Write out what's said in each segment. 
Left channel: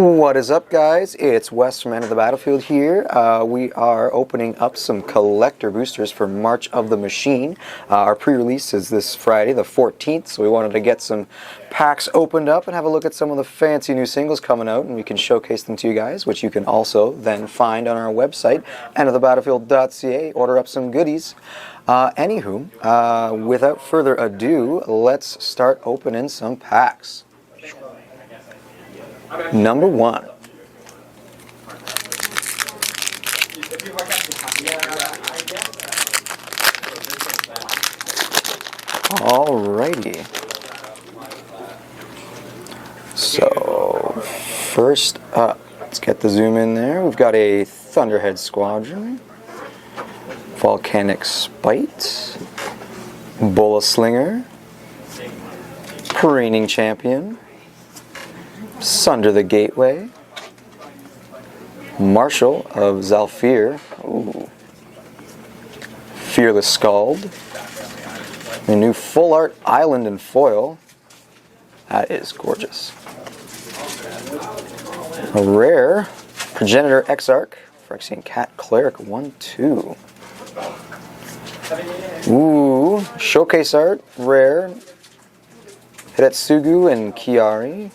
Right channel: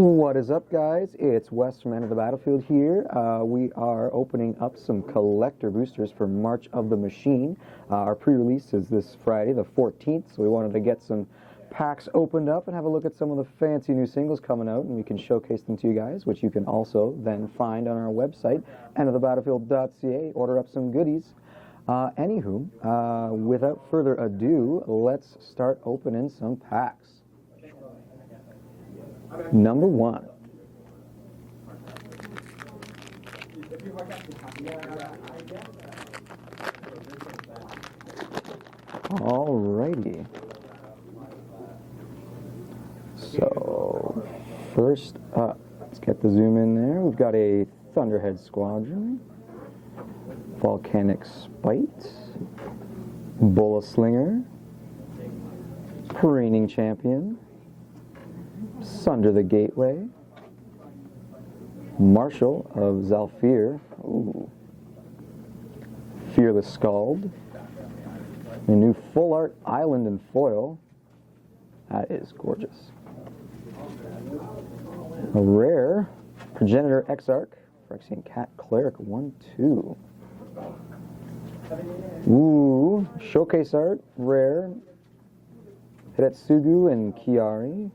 What is up, guys? It's Wes from Enter the Battlefield here. We are opening up some collector boosters for March of the Machine. Our pre-release is this Friday, the 14th, so we wanted to get some packs opened up and have a look at some of the fancy new singles coming out, and we can showcase them to you guys, which you can also then find on our website, enterthebattlefield.ca. Order up some goodies. Without further ado, let's start opening some packs. Number one. Alrighty. So, first up, let's get the zoom in there. We've got a Thunderhead Squadron, Volcanic Spite, Bola Slinger, Reigning Champion, Sunder the Gateway, Marshal of Zhalfir, Fearless Scald, the new Full Art Island in foil. That is gorgeous. A rare Progenitor Exarch, Phyrexian Cat Cleric 1/2. Ooh, Showcase Art, rare Hidetsugu and Kyrie,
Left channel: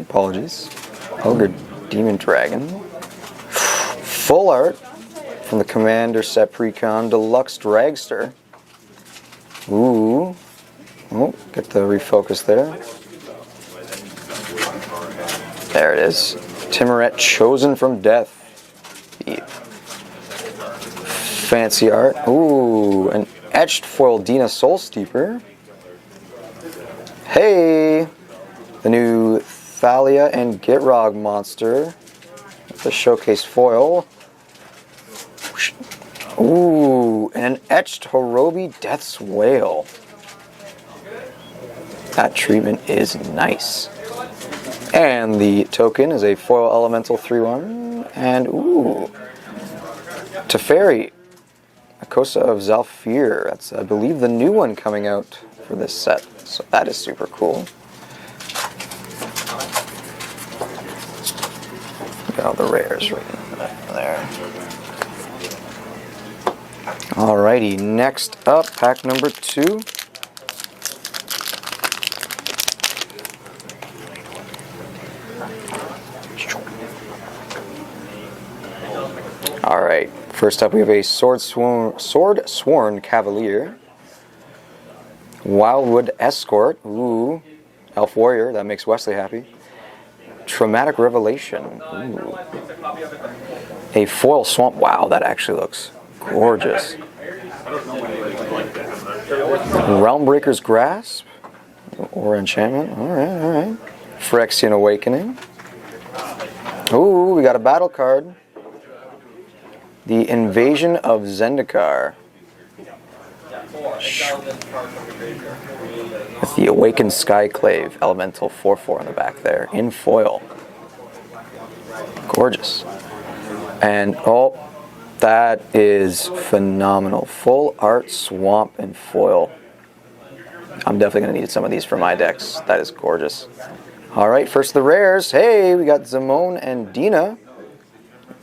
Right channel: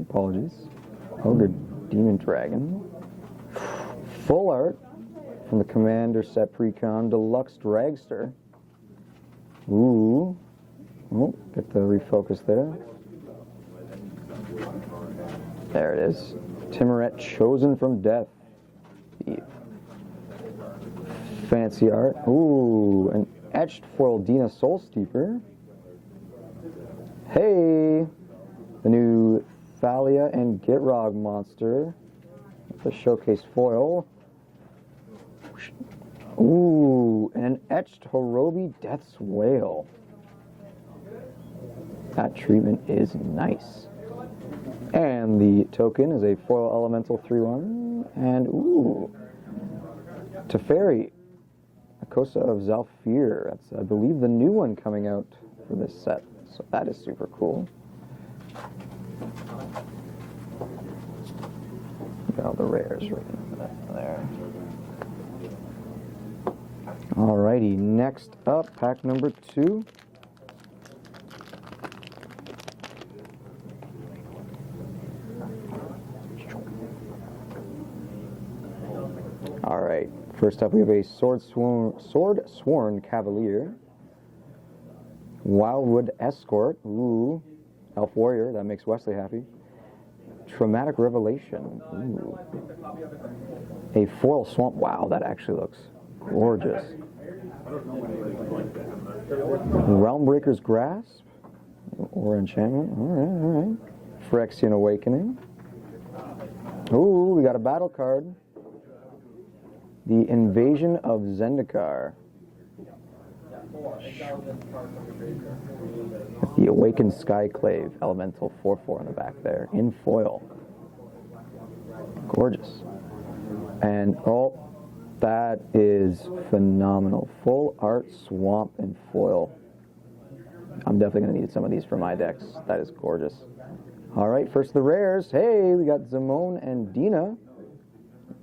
apologies. Ogre Demon Dragon. Full art from the Commander Set Precon Deluxe Dragster. Ooh. Oh, get the refocus there. There it is. Timoret Chosen from Death. Fancy art. Ooh, an etched foil Dina Soul Steeper. Hey! The new Thalia and Gitrog monster. The showcase foil. Ooh, and an etched Horobi Death's Whale. That treatment is nice. And the token is a foil elemental 3/1. And ooh, Teferi, Akosa of Zhalfir. That's, I believe, the new one coming out for this set. So that is super cool. Got all the rares right there. Alrighty, next up, pack number 2. Alright, first up we have a Sword Sworn Cavalier, Wildwood Escort, ooh, Elf Warrior, that makes Wesley happy. Traumatic Revelation, ooh. A foil swamp, wow, that actually looks gorgeous. Realmbreaker's Grasp, or Enchantment, alright. Phyrexian Awakening. Ooh, we got a battle card. The Invasion of Zendikar. With the Awakened Skyclave Elemental 4/4 on the back there, in foil. Gorgeous. And, oh, that is phenomenal. Full Art Swamp in foil. I'm definitely going to need some of these for my decks. That is gorgeous. Alright, first the rares. Hey, we got Zimone and Dina.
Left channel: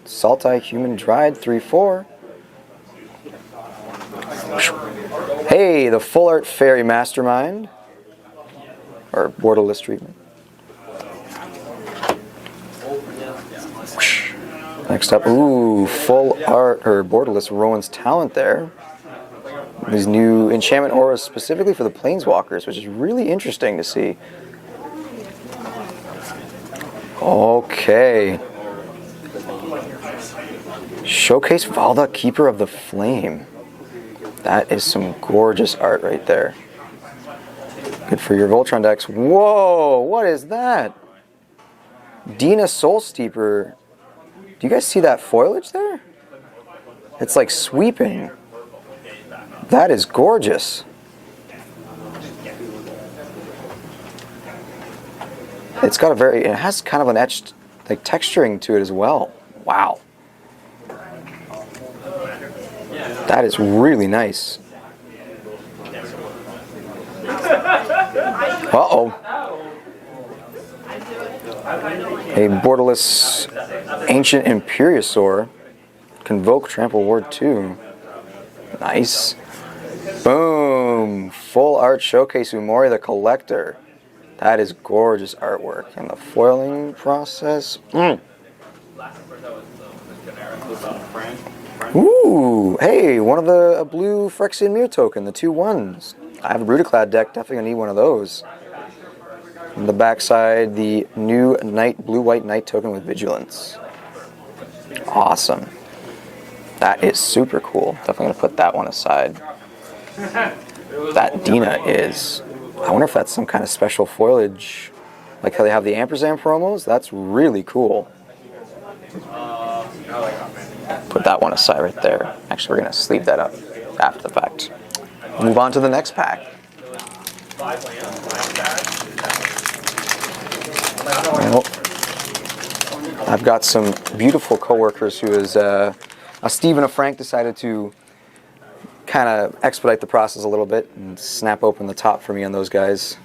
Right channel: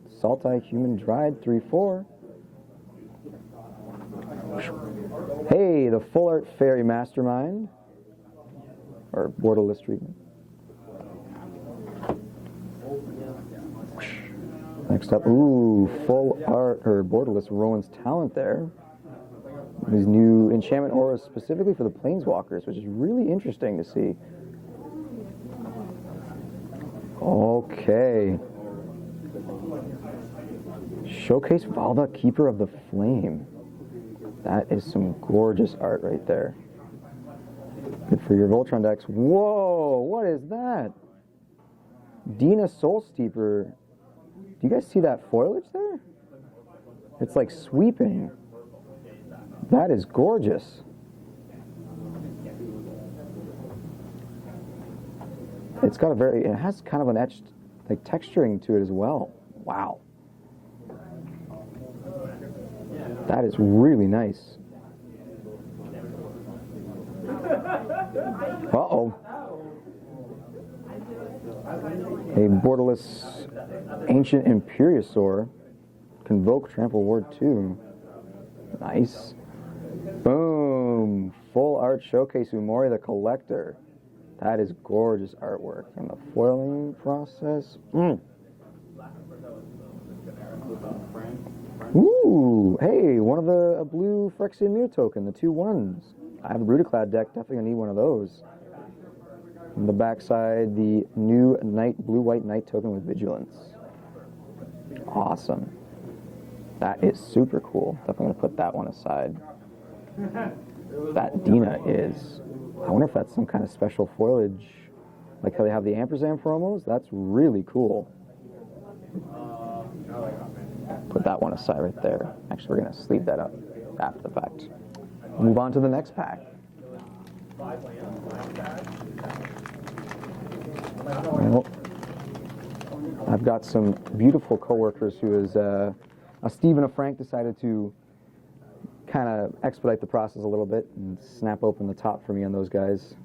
Saltai Human Dryad 3/4. Hey, the Full Art Fairy Mastermind, or Borderless treatment. Next up, ooh, Full Art, or Borderless Rowan's Talent there. These new enchantment auras specifically for the Planeswalkers, which is really interesting to see. Okay. Showcase Valda, Keeper of the Flame. That is some gorgeous art right there. Good for your Voltron decks. Whoa, what is that? Dina Soul Steeper. Do you guys see that foliage there? It's like sweeping. That is gorgeous. It's got it has kind of an etched, like, texturing to it as well. Wow. That is really nice. Uh-oh. A borderless Ancient Imperiosaur. Convoke Trample Ward 2. Nice. Boom! Full art showcase Umori the Collector. That is gorgeous artwork. And the foiling process. Ooh! Hey, one of a blue Phyrexian Mirror token, the 2/1s. I have a Brutaclad deck, definitely gonna need one of those. On the backside, the new blue-white Knight token with Vigilance. Awesome. That is super cool. Definitely gonna put that one aside. That Dina is, I wonder if that's some kind of special foliage, like how they have the Ampersand promos. That's really cool. Put that one aside right there. Actually, we're gonna sleeve that up after the fact. Move on to the next pack. Well, I've got some beautiful coworkers who is Steve and a Frank decided to kind of expedite the process a little bit and snap open the top for me on those guys.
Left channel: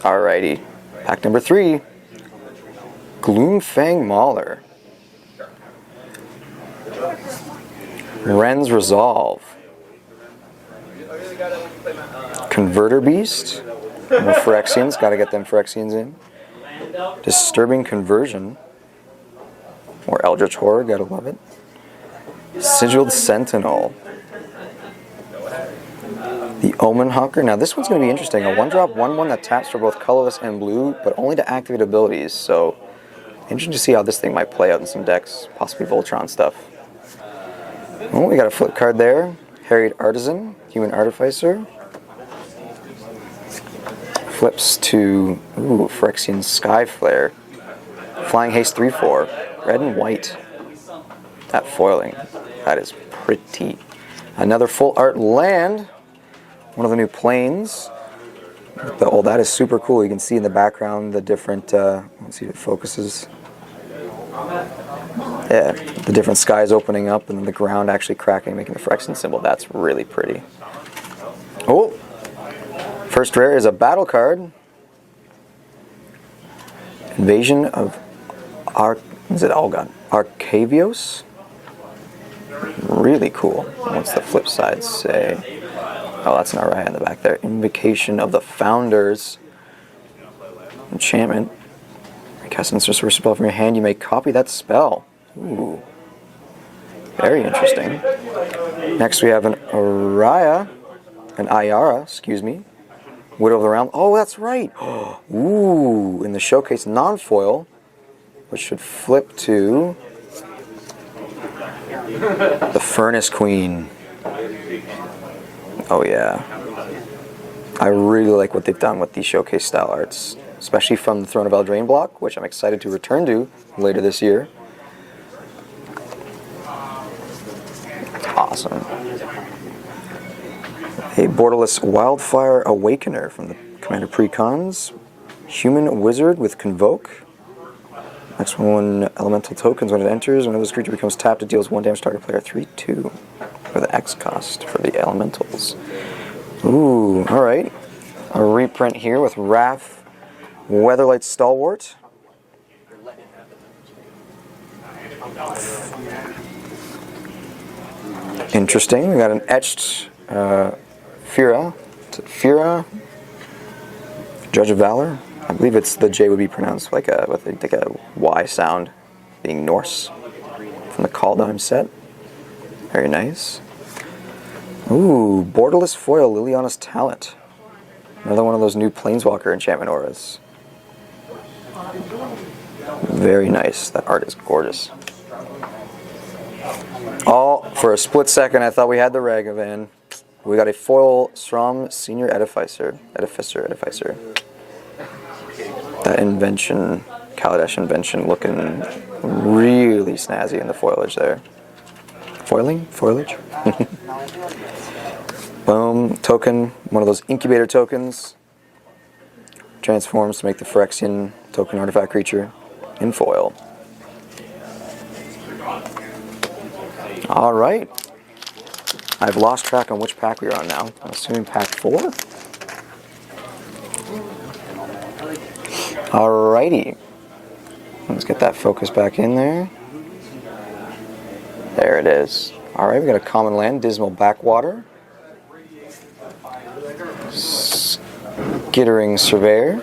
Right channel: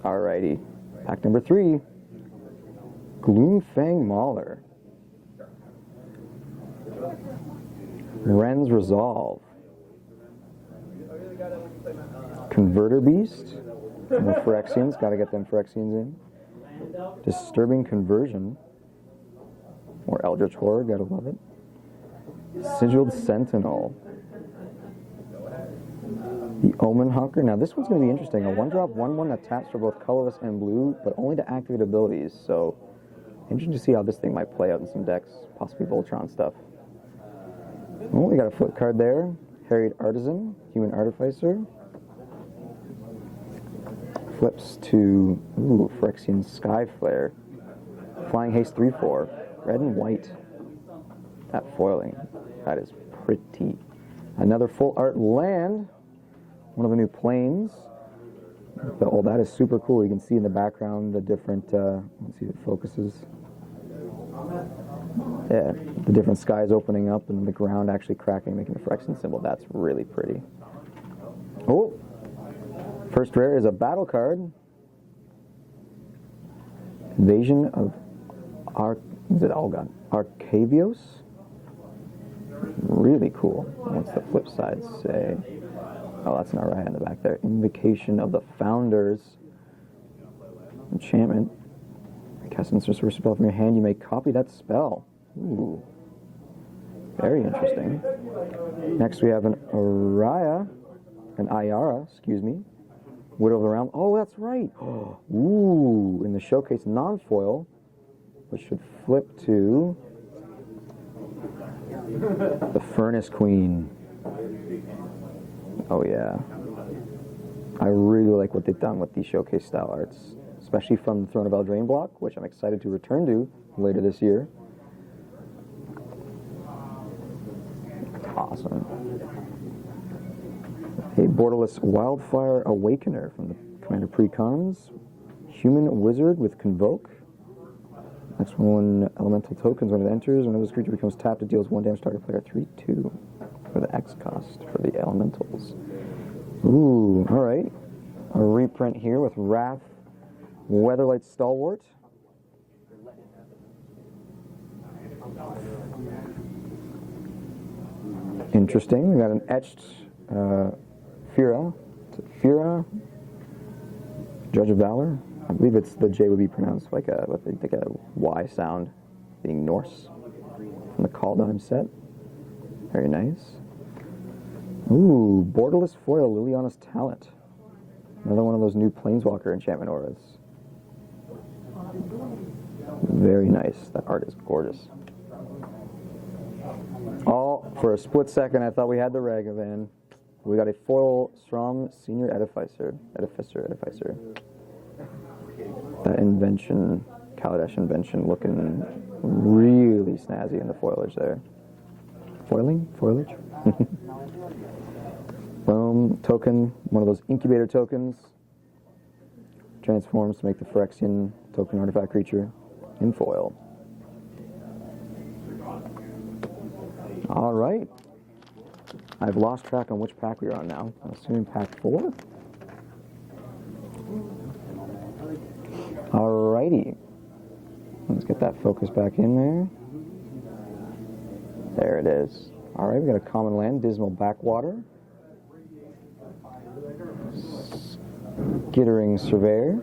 Alrighty, pack number 3, Gloomfang Mauler, Ren's Resolve, Converter Beast, more Phyrexians, gotta get them Phyrexians in. Disturbing Conversion, more Eldritch Horror, gotta love it. Sigiled Sentinel, the Omen Hawker. Now this one's going to be interesting. A 1-drop 1/1 that taps for both colorless and blue, but only to activate abilities. So interesting to see how this thing might play out in some decks, possibly Voltron stuff. Oh, we got a flip card there. Harried Artisan, Human Artificer. Flips to Phyrexian Sky Flare. Flying Haste 3/4, red and white. That foiling, that is pretty. Another full art land. One of the new planes. That is super cool. You can see in the background the different, let's see if it focuses. Yeah, the different skies opening up and then the ground actually cracking, making the Phyrexian symbol. That's really pretty. Oh, first rare is a battle card. Invasion of Arcavios? Really cool. What's the flip side say? Oh, that's not right in the back there. Invocation of the Founders. Enchantment. Cast an sorcerer spell from your hand. You may copy that spell. Ooh. Very interesting. Next we have an Ayara, excuse me. Widow of the Realm. Oh, that's right. Ooh, in the showcase non-foil, which should flip to the Furnace Queen. Oh yeah. I really like what they've done with these showcase style arts, especially from the Throne of Eldraine block, which I'm excited to return to later this year. Awesome. A borderless Wildfire Awakener from the Commander Precons. Human Wizard with Convoke. Next one, elemental tokens. When it enters, whenever this creature becomes tapped, it deals 1 damage to target player 3/2 for the X cost for the elementals. Ooh, alright. A reprint here with Wrath, Weatherlight Stalwart. Interesting. We got an etched Fira, Judge of Valor. I believe it's the J would be pronounced like a Y sound, being Norse from the Kaldheim set. Very nice. Ooh, borderless foil Liliana's Talent. Another one of those new Planeswalker enchantment auras. Very nice. That art is gorgeous. Oh, for a split second I thought we had the Ragavan. We got a foil Strom Senior Edificer. That invention, Kaladesh invention, looking really snazzy in the foliage there. Foliage? Boom, token, one of those incubator tokens. Transforms to make the Phyrexian token artifact creature in foil. All right. I've lost track on which pack we are on now. I'm assuming pack 4. Alrighty. Let's get that focus back in there. There it is. All right, we got a common land, Dismal Backwater. Skittering Surveyor.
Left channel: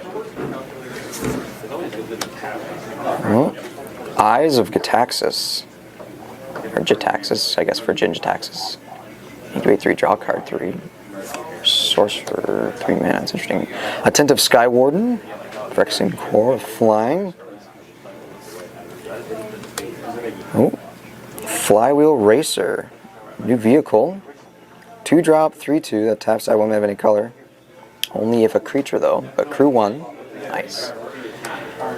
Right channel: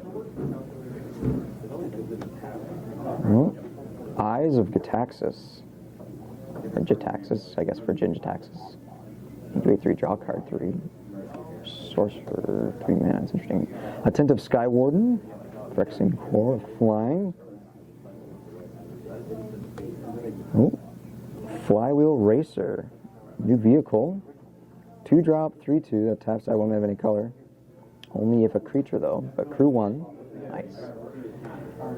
Oh. Eyes of Gitaxis. Or Jitaxis, I guess for Jin-Jitaxis. 8/3, draw card 3. Sorcerer, 3 mana, that's interesting. Attentive Skywarden. Phyrexian Core, flying. Oh. Flywheel Racer. New vehicle. 2-drop, 3/2, that taps, I won't have any color. Only if a creature though, but crew 1. Nice.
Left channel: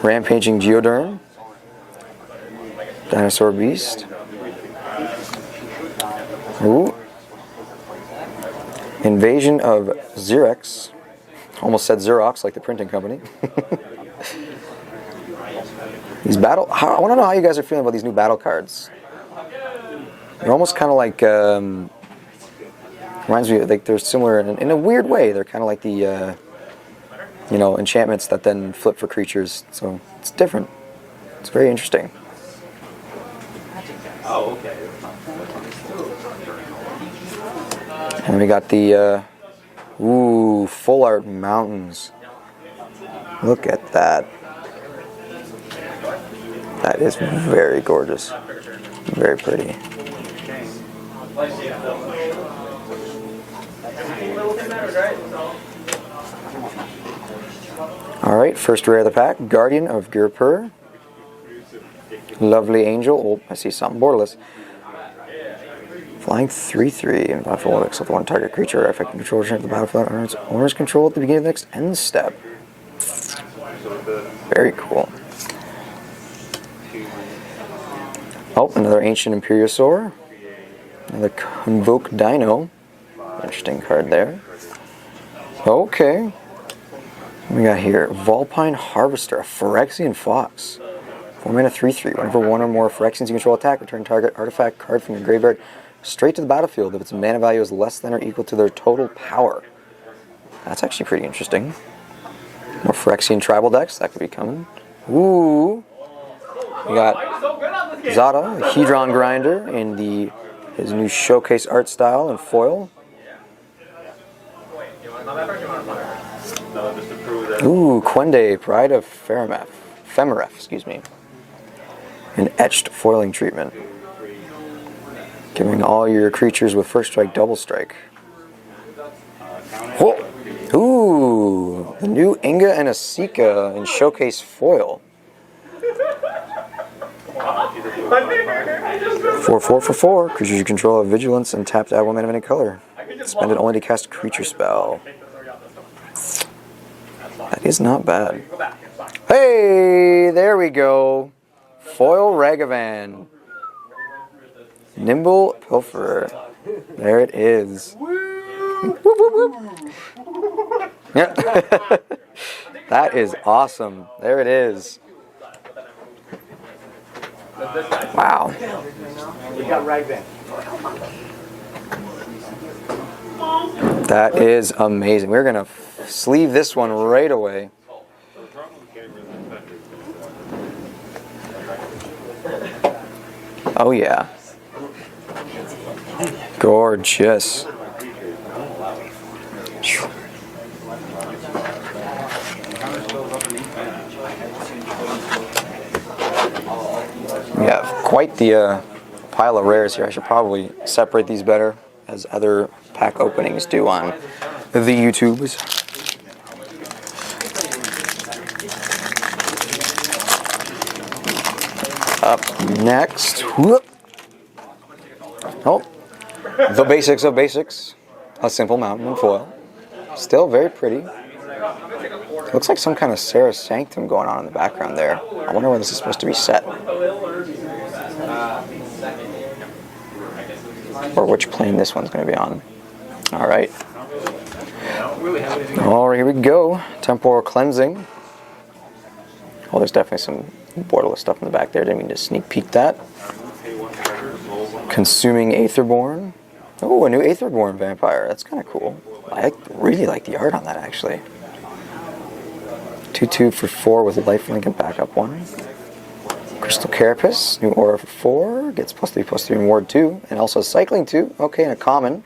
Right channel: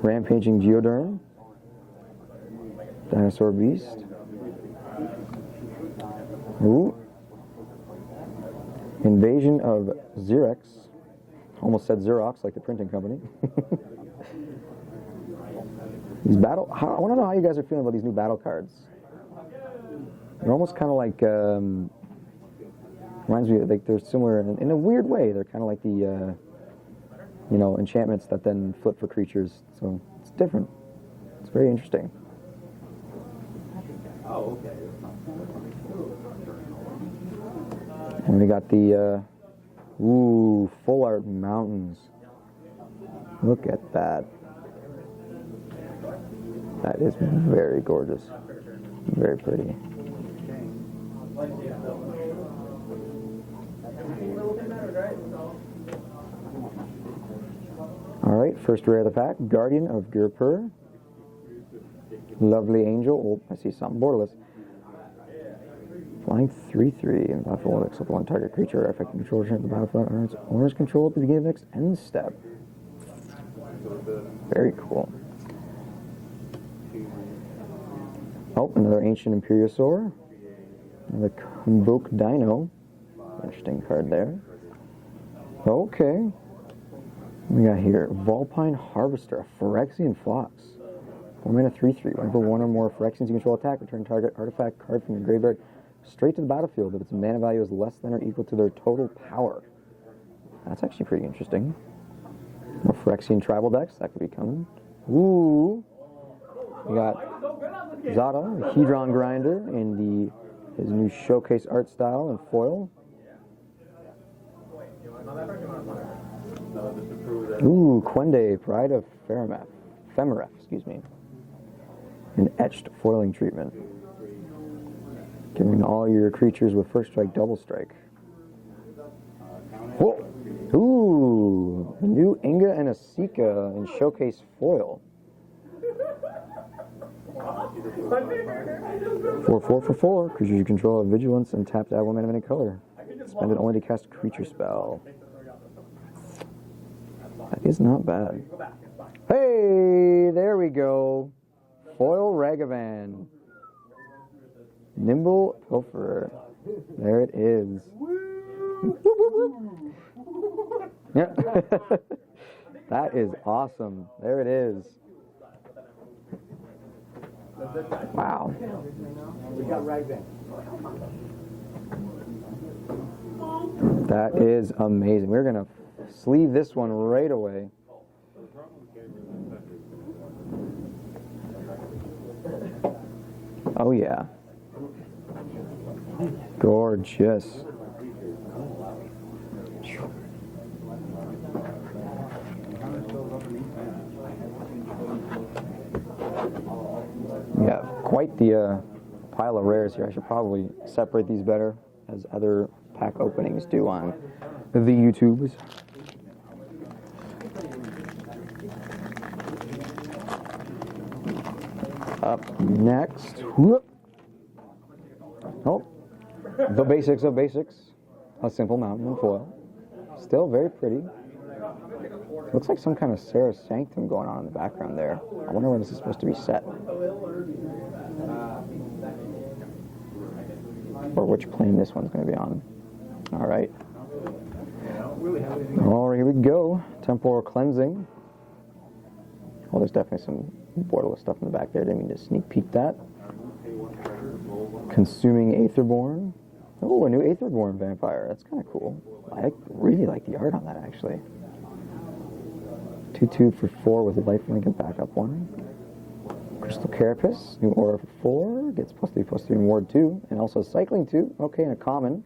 Rampaging Geoderm. Dinosaur Beast. Ooh. Invasion of Xerox. Almost said Xerox, like the printing company. These I want to know how you guys are feeling about these new battle cards. They're almost kind of like, reminds me, like they're similar in a weird way. They're kind of like the, enchantments that then flip for creatures. So it's different. It's very interesting. Oh, okay. And we got the, Full Art Mountains. Look at that. That is very gorgeous. Very pretty. Alright, first rare of the pack, Guardian of Ghirapur. Lovely Angel. Oh, I see something. Borderless. Flying 3/3 in battlefield except one target creature affecting control of the battlefield under its owner's control at the beginning of the next end step. Very cool. Oh, another Ancient Imperiosaur. Another Convoke Dino. Interesting card there. Okay. What we got here? Vulpine Harvester, a Phyrexian Fox. 4 mana 3/3. Whenever one or more Phyrexians you control attack, return target artifact card from your graveyard straight to the battlefield if its mana value is less than or equal to their total power. That's actually pretty interesting. More Phyrexian tribal decks, that could be coming. Ooh. We got Zada, the Hedron Grinder, in his new showcase art style and foil. Ooh, Quende, Pride of Femeref, excuse me. An etched foiling treatment. Giving all your creatures with first strike double strike. Whoa! Ooh, the new Inga and Asika in showcase foil. 4/4 for 4. Creatures you control have vigilance and tap to add 1 mana of any color. Spend it only to cast a creature spell. That is not bad. Hey, there we go. Foil Ragavan. Nimble Pilferer. There it is. Yeah. That is awesome. There it is. Wow. That is amazing. We're going to sleeve this one right away. Oh yeah. Gorgeous. We have quite the pile of rares here. I should probably separate these better, as other pack openings do on the YouTubes. Up next, whoop. Oh, the basics of basics. A simple mountain and foil. Still very pretty. Looks like some kind of Serra Sanctum going on in the background there. I wonder where this is supposed to be set. Or which plane this one's going to be on. Alright. Alright, here we go. Temporal Cleansing. Oh, there's definitely some borderless stuff in the back there. Didn't mean to sneak peek that. Consuming Aetherborn. Oh, a new Aetherborn vampire. That's kind of cool. I really like the art on that, actually. 2/2 for 4 with lifelink and backup 1. Crystal Carapace, new aura for 4, gets +3/+3 in Ward 2, and also Cycling 2. Okay, and a common.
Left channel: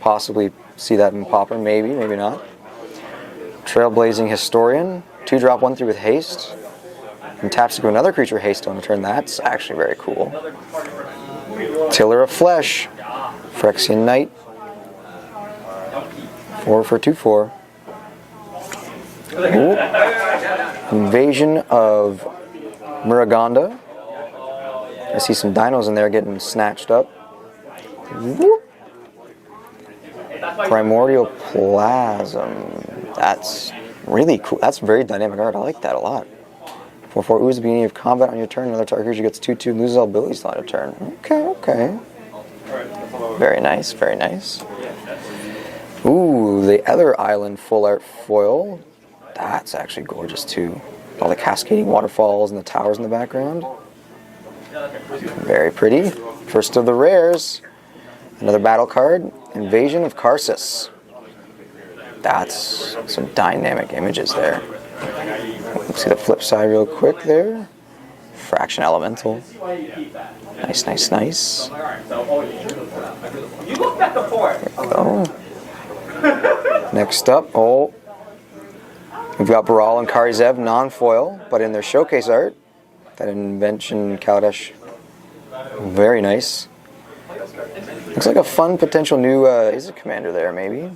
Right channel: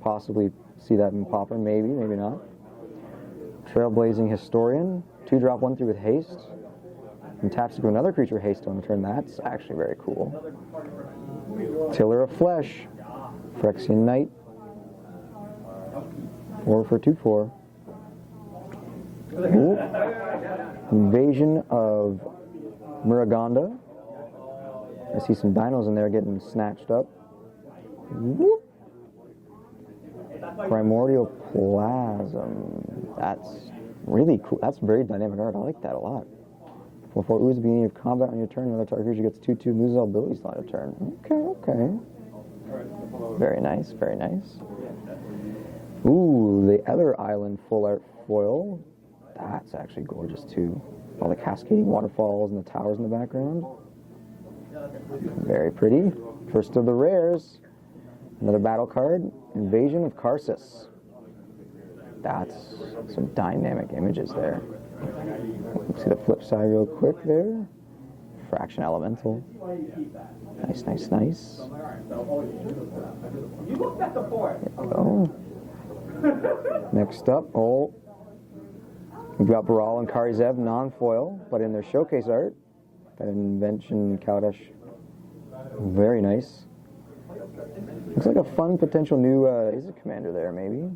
Possibly see that in Pauper, maybe, maybe not. Trailblazing Historian, 2-drop 1/3 with haste. And taps to another creature haste on turn. That's actually very cool. Tiller of Flesh, Phyrexian Knight, 4 for 2/4. Ooh. Invasion of Muragonda. I see some dinos in there getting snatched up. Whoop. Primordial Plasm. That's really cool. That's very dynamic art. I like that a lot. 4/4 ooze at the beginning of combat on your turn. Another target creature gets 2/2 and loses all abilities on a turn. Okay, okay. Very nice, very nice. Ooh, the other island full art foil. That's actually gorgeous too. All the cascading waterfalls and the towers in the background. Very pretty. First of the rares. Another battle card. Invasion of Karsus. That's some dynamic images there. Let's see the flip side real quick there. Fraction Elemental. Nice, nice, nice. There we go. Next up, we've got Baral and Kari Zev non-foil, but in their showcase art, that Invention Kaladesh. Very nice. Looks like a fun potential new Izzet commander there, maybe.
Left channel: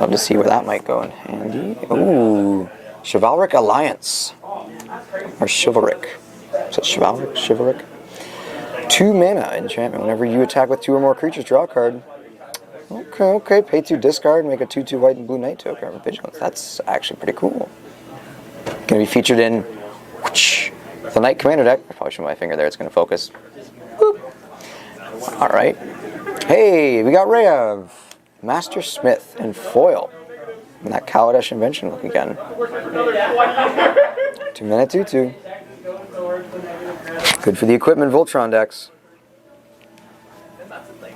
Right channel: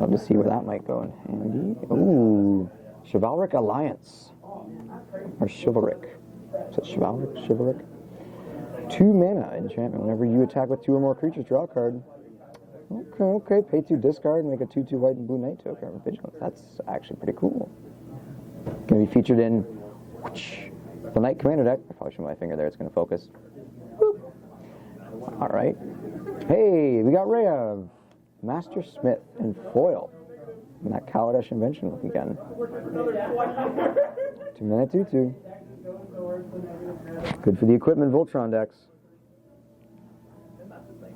Love to see where that might go in handy. Ooh, Chivalric Alliance. Or Chivalric. Is it Chivalric? Chivalric? 2 mana enchantment. Whenever you attack with 2 or more creatures, draw a card. Okay, okay. Pay 2, discard, make a 2/2 white and blue knight token of Vigilance. That's actually pretty cool. Going to be featured in the Knight Commander deck. I probably should put my finger there. It's going to focus. Boop. All right. Hey, we got Rayav. Master Smith in foil. And that Kaladesh Invention look again. 2 mana 2/2. Good for the equipment Voltron decks.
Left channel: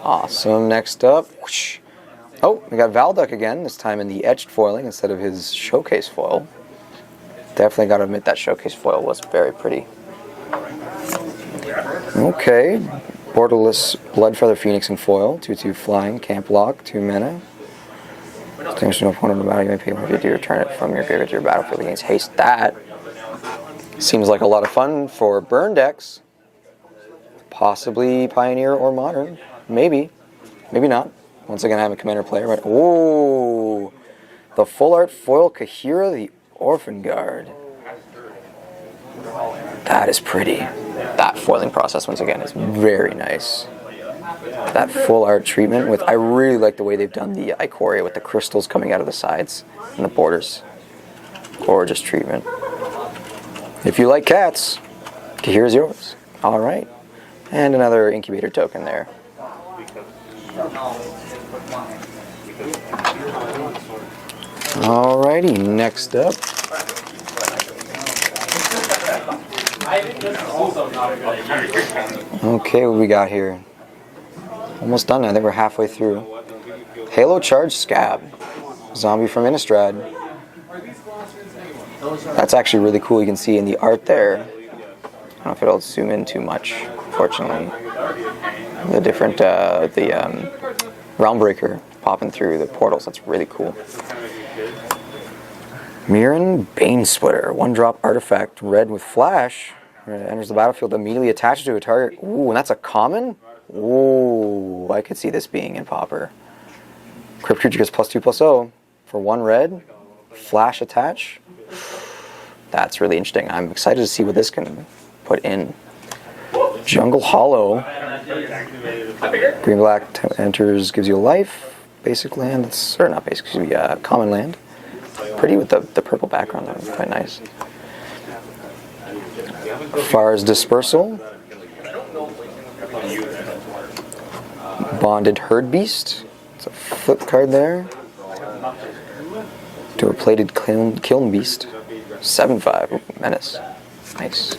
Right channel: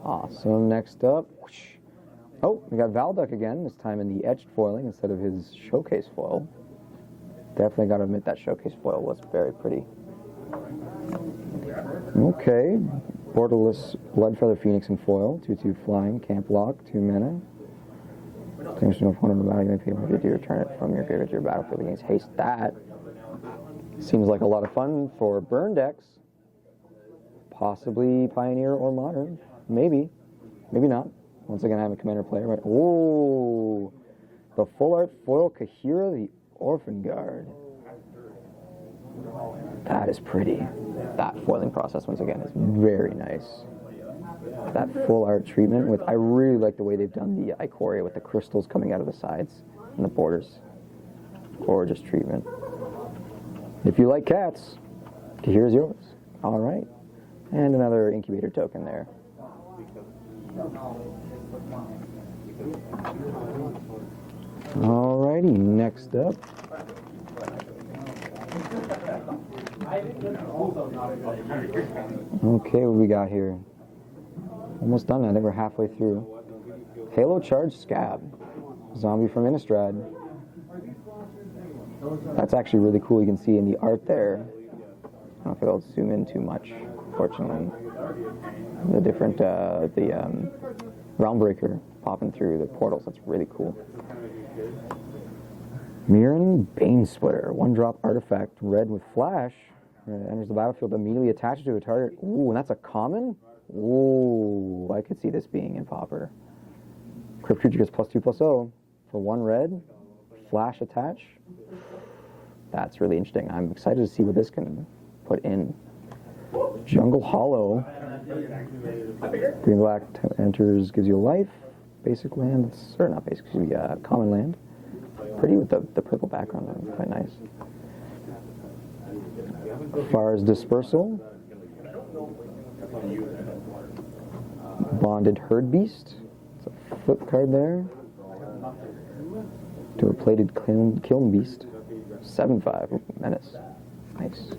Awesome. Next up. Oh, we got Valduk again, this time in the etched foiling instead of his showcase foil. Definitely got to admit that showcase foil was very pretty. Okay. Borderless Bloodfeather Phoenix in foil. 2/2 flying. Camp lock. 2 mana. Distinguish no opponent in the battle. You may pay 1 to return it from your graveyard to your battlefield against haste. That seems like a lot of fun for burn decks. Possibly Pioneer or Modern. Maybe. Maybe not. Once again, I have a commander player. But ooh, the full art foil Kahira the Orphan Guard. That is pretty. That foiling process, once again, is very nice. That full art treatment with, I really like the way they've done the Ikoria with the crystals coming out of the sides and the borders. Gorgeous treatment. If you like cats, Kahira's yours. All right. And another incubator token there. Alrighty, next up. Okay, what we got here? Almost done now. I think we're halfway through. Halo Charge Scab. Zombie from Innistrad. That's actually really cool. You can see in the art there. I don't know if it'll zoom in too much, fortunately. The different, Realmbreaker popping through the portals. That's really cool. Mirran Banesplitter. 1-drop artifact, red with flash. When it enters the battlefield, immediately attached to a target. Ooh, and that's a common? Ooh, I could see this being in Pauper. Crypt creature gets +2/+0 for 1 red. Flash attach. That's really interesting. I'm excited to see what this can put in. Jungle Hollow. Green black enters, gives you a life. Basic land. Or not basic, excuse me, common land. Pretty with the purple background. That was quite nice. Far's Dispersal. Bonded Herd Beast. It's a flip card there. To a plated Kiln Beast. 7/5. Ooh, menace. Nice.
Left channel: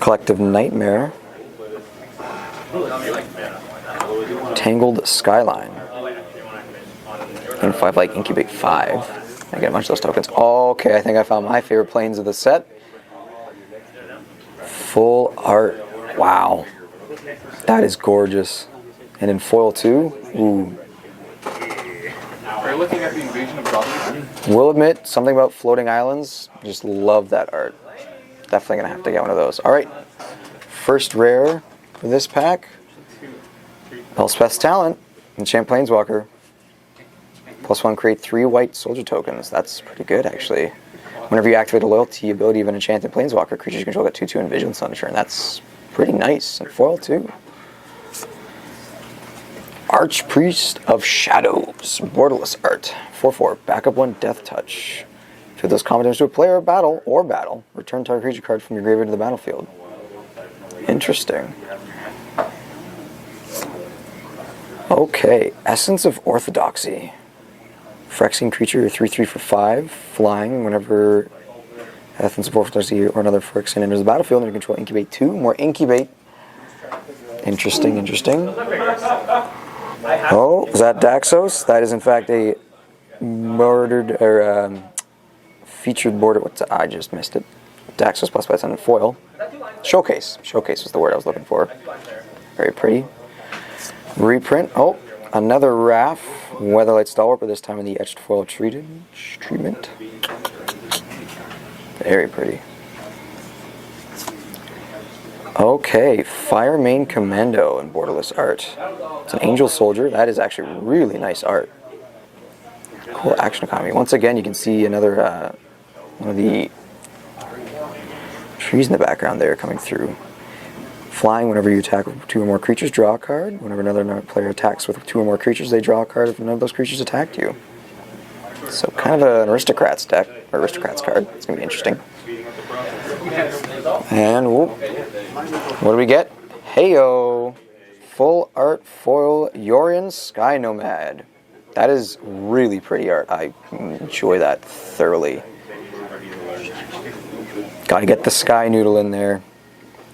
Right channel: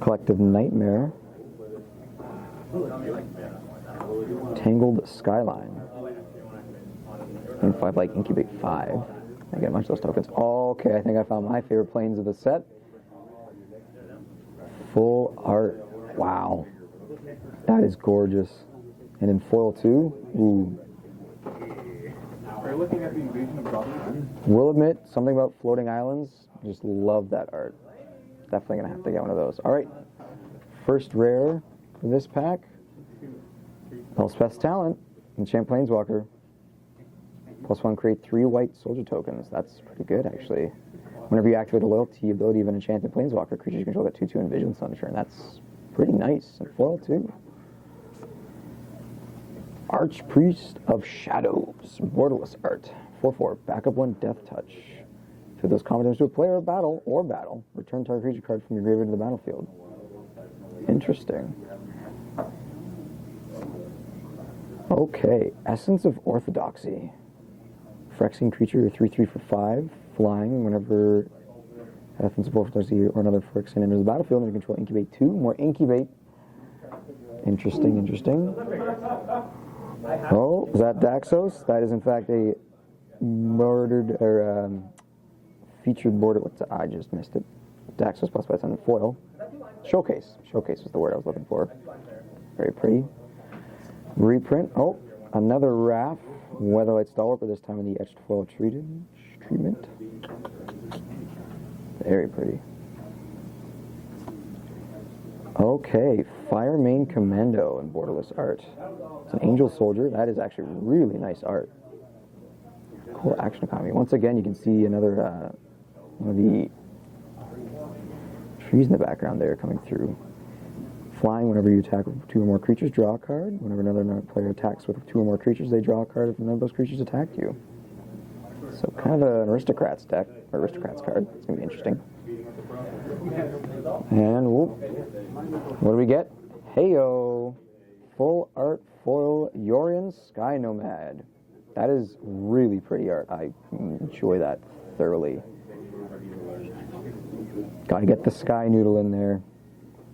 Collective Nightmare. Tangled Skyline. And 5 like incubate 5. I get a bunch of those tokens. Okay, I think I found my favorite planes of the set. Full art. Wow. That is gorgeous. And in foil too. Ooh. Are you looking at the Invasion of Godly? Will admit, something about floating islands. Just love that art. Definitely gonna have to get one of those. Alright. First rare for this pack. Elspeth's Talent and Champlain's Walker. +1, create 3 white soldier tokens. That's pretty good, actually. Whenever you activate a loyalty ability of an enchanted planeswalker, creatures you control get 2/2 and vigilance on turn. That's pretty nice. And foil, too. Archpriest of Shadows. Borderless art. 4/4. Backup 1, Death Touch. If it does combat damage to a player, battle, return target creature card from your graveyard to the battlefield. Interesting. Okay. Essence of Orthodoxy. Phyrexian creature, you're 3/3 for 5, flying. Whenever Essence of Orthodoxy or another Phyrexian enters the battlefield, and you control incubate 2. More incubate. Interesting, interesting. Oh, is that Daxos? That is in fact a murdered or featured border. I just missed it. Daxos plus +10 and foil. Showcase. Showcase was the word I was looking for. Very pretty. Reprint. Oh, another Wrath. Weatherlight Stalwart, but this time in the etched foil treatment. Very pretty. Okay, Fire Main Commando in borderless art. It's an Angel Soldier. That is actually really nice art. Cool action economy. Once again, you can see another one of the trees in the background there coming through. Flying, whenever you attack with 2 or more creatures, draw a card. Whenever another player attacks with 2 or more creatures, they draw a card if none of those creatures attacked you. So kind of an Aristocrats deck, or Aristocrats card. It's going to be interesting. And whoop. What do we get? Heyo! Full art foil Yorion Sky Nomad. That is really pretty art. I enjoy that thoroughly. Gotta get the Sky Noodle in there.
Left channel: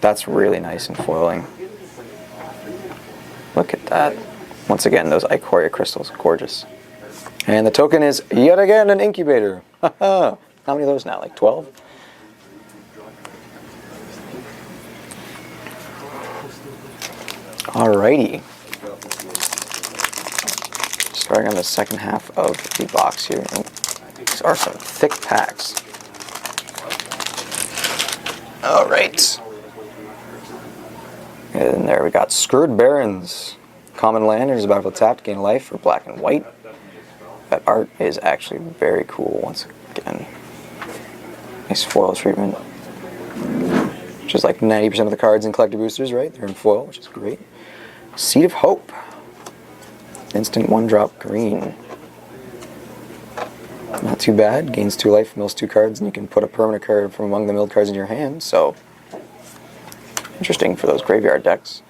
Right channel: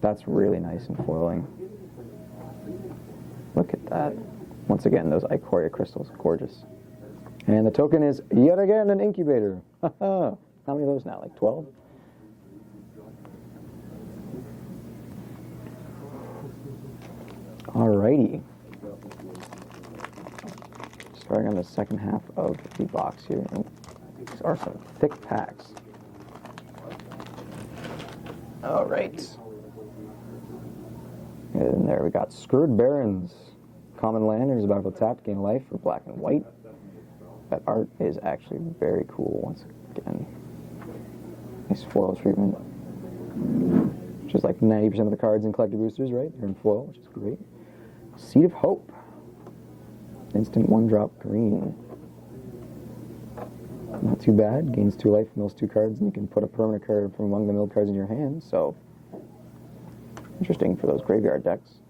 That's really nice and foiling. Look at that. Once again, those Ikoria crystals, gorgeous. And the token is yet again an incubator. How many of those now? Like 12? Alrighty. Starting on the second half of the box here. These are some thick packs. Alright. And there we got Scourge Barrens. Common land, there's a battlefield tapped, gain life for black and white. That art is actually very cool once again. Nice foil treatment. Which is like 90% of the cards in collector boosters, right? They're in foil, which is great. Seed of Hope. Instant 1-drop green. Not too bad. Gains 2 life, mills 2 cards, and you can put a permanent card from among the milled cards in your hand, so interesting for those graveyard decks.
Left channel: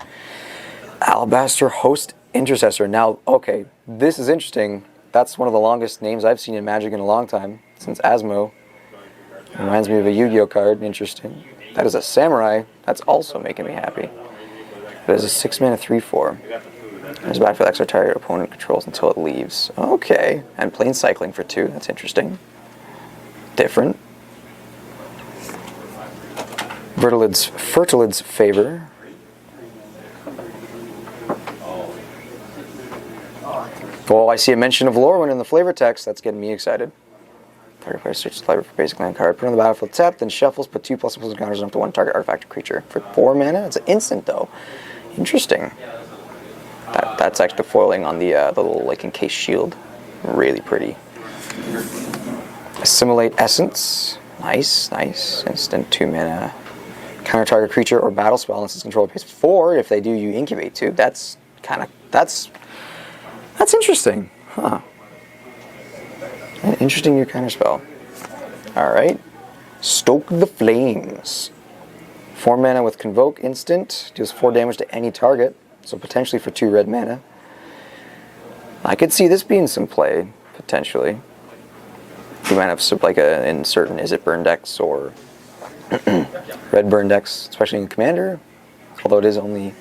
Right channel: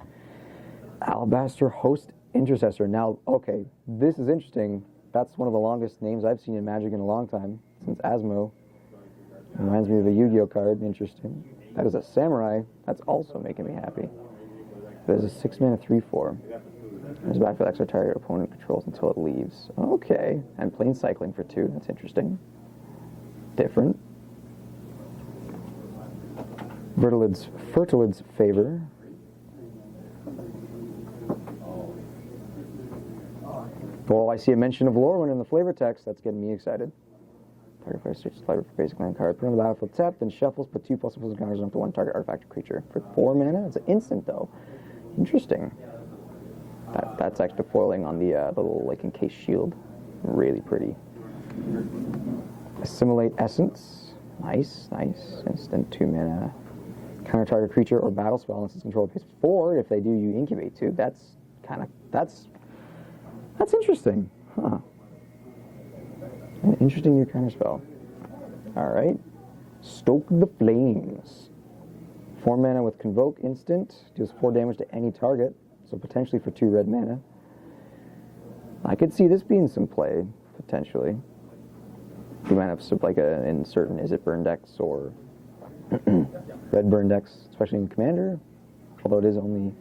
Alabaster Host Intercessor. Now, okay, this is interesting. That's one of the longest names I've seen in Magic in a long time, since Asmo. Reminds me of a Yu-Gi-Oh card. Interesting. That is a Samurai. That's also making me happy. But it's a 6-mana 3/4. There's a battlefield extra target opponent controls until it leaves. Okay. And plane cycling for 2. That's interesting. Different. Fertilid's Favor. Well, I see a mention of Lorwyn in the flavor text. That's getting me excited. Target player searches the library for basic land card. Put on the battlefield tapped, then shuffles, put 2 ++ counters on up to 1 target artifact or creature. For 4 mana? It's an instant, though. Interesting. That's actually the foiling on the little, like, encased shield. Really pretty. Assimilate Essence. Nice, nice. Instant 2 mana. Counter target creature or battle spell unless its controller pays 4. If they do, you incubate 2. That's interesting. Huh. An interesting new counter spell. Alright. Stoke the Flames. 4 mana with Convoke instant. Deals 4 damage to any target. So potentially for 2 red mana. I could see this being some play, potentially. You might have like in certain Is It Burn decks or red burn decks, especially in Commander. Although it is only...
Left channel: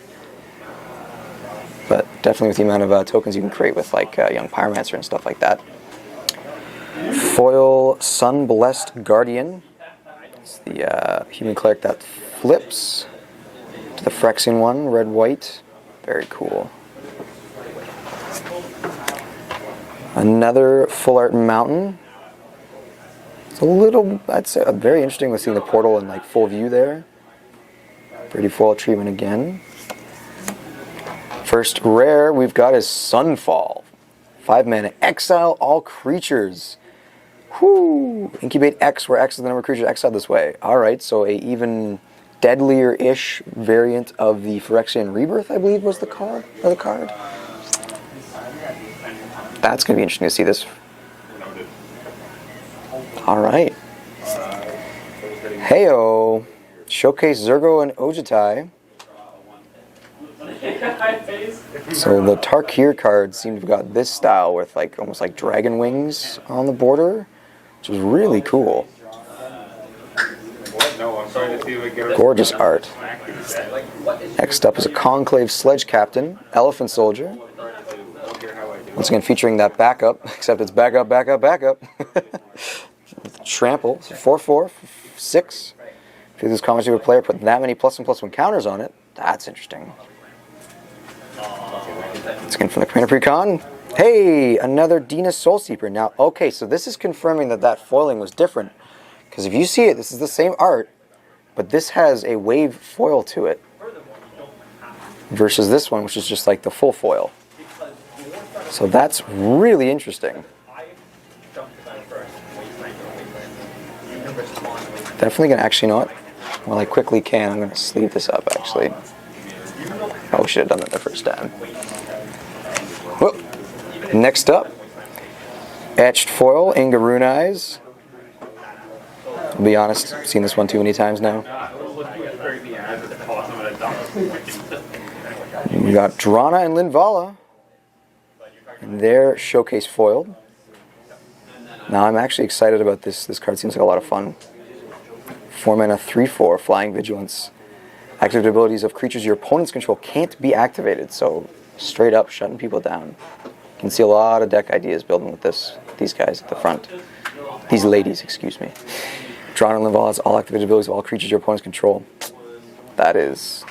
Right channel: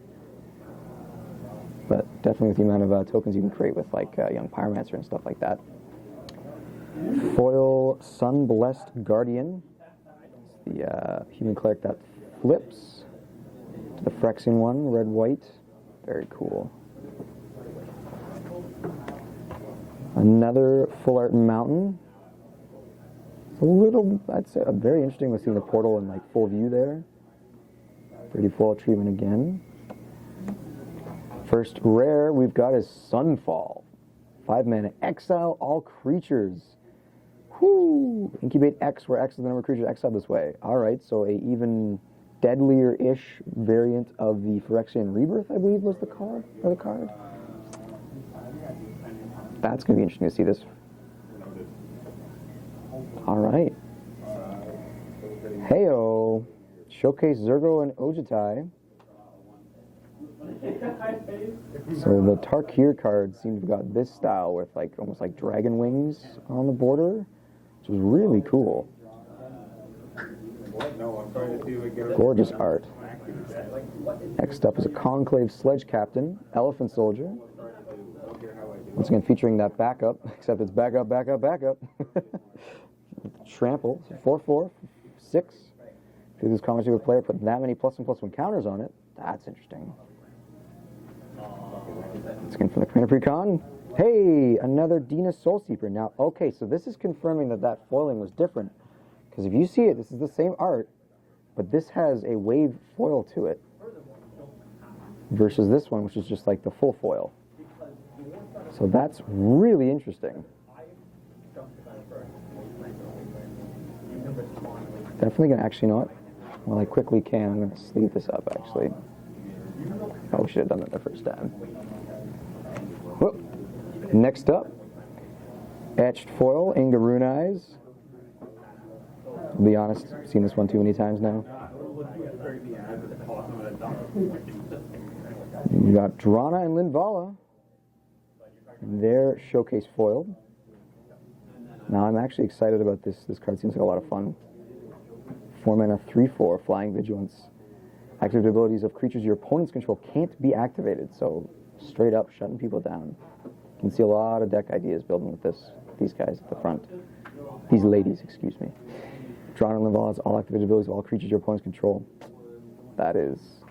But definitely with the amount of tokens you can create with like Young Pyromancer and stuff like that. Foil Sun-Blessed Guardian. It's the human cleric that flips to the Phyrexian one, red-white. Very cool. Another full art mountain. It's a little, I'd say, very interesting with seeing the portal in like full view there. Pretty foil treatment again. First rare we've got is Sunfall. 5 mana, exile all creatures. Whoo! Incubate X, where X is the number of creatures exiled this way. Alright, so a even deadlier-ish variant of the Phyrexian Rebirth, I believe was the card. That's going to be interesting to see this. Alright. Heyo! Showcase Zergo and Ojutai. So the Tarkir cards seem to have got this style with like almost like dragon wings on the border, which is really cool. Gorgeous art. Next up is a Conclave Sledge Captain, Elephant Soldier. Once again featuring that backup, except it's backup. Trample, 4/4, 6. If this comments you a player put that many +1/+1 counters on it, that's interesting. Skin from the Commander Precon. Hey, another Dina Soulseeper. Now, okay, so this is confirming that foiling was different. Because if you see it, this is the same art, but this has a wave foil to it. Versus this one, which is just like the full foil. So that's really interesting. Definitely gonna, actually, you know what? While I quickly can, I'm gonna sleeve this up actually. Oh, should have done that the first time. Whoop. Next up, etched foil, Inga Rune Eyes. I'll be honest, I've seen this one too many times now. We got Drana and Linvala. And they're showcase foiled. Now I'm actually excited about this. This card seems like a lot of fun. 4 mana, 3/4, Flying Vigilance. Active abilities of creatures your opponents control can't be activated, so straight up shutting people down. You can see a lot of deck ideas building with these guys at the front. These ladies, excuse me. Drana and Linvala has all activated abilities of all creatures your opponents control. That is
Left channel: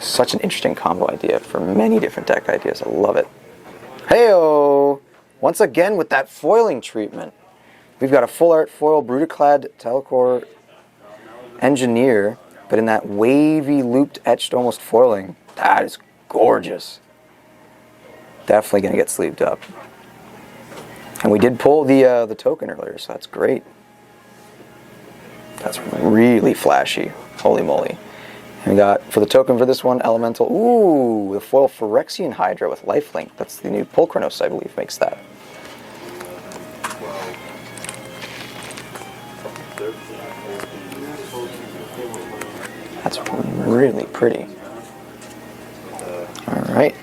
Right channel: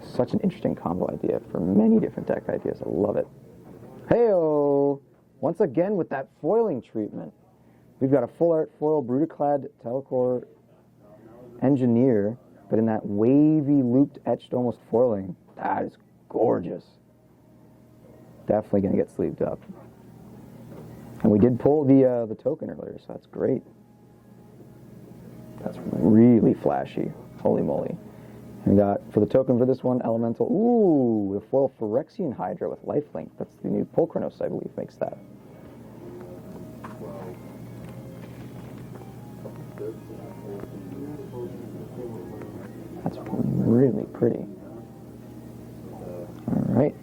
such an interesting combo idea for many different deck ideas. I love it. Heyo! Once again with that foiling treatment. We've got a full art foil Brutaclad Telcor Engineer, but in that wavy, looped, etched almost foiling. That is gorgeous. Definitely going to get sleeved up. And we did pull the token earlier, so that's great. That's really flashy. Holy moly. And we got, for the token for this one, Elemental. Ooh, the foil Phyrexian Hydra with lifelink. That's the new Pulchronos, I believe, makes that. That's really pretty. All right.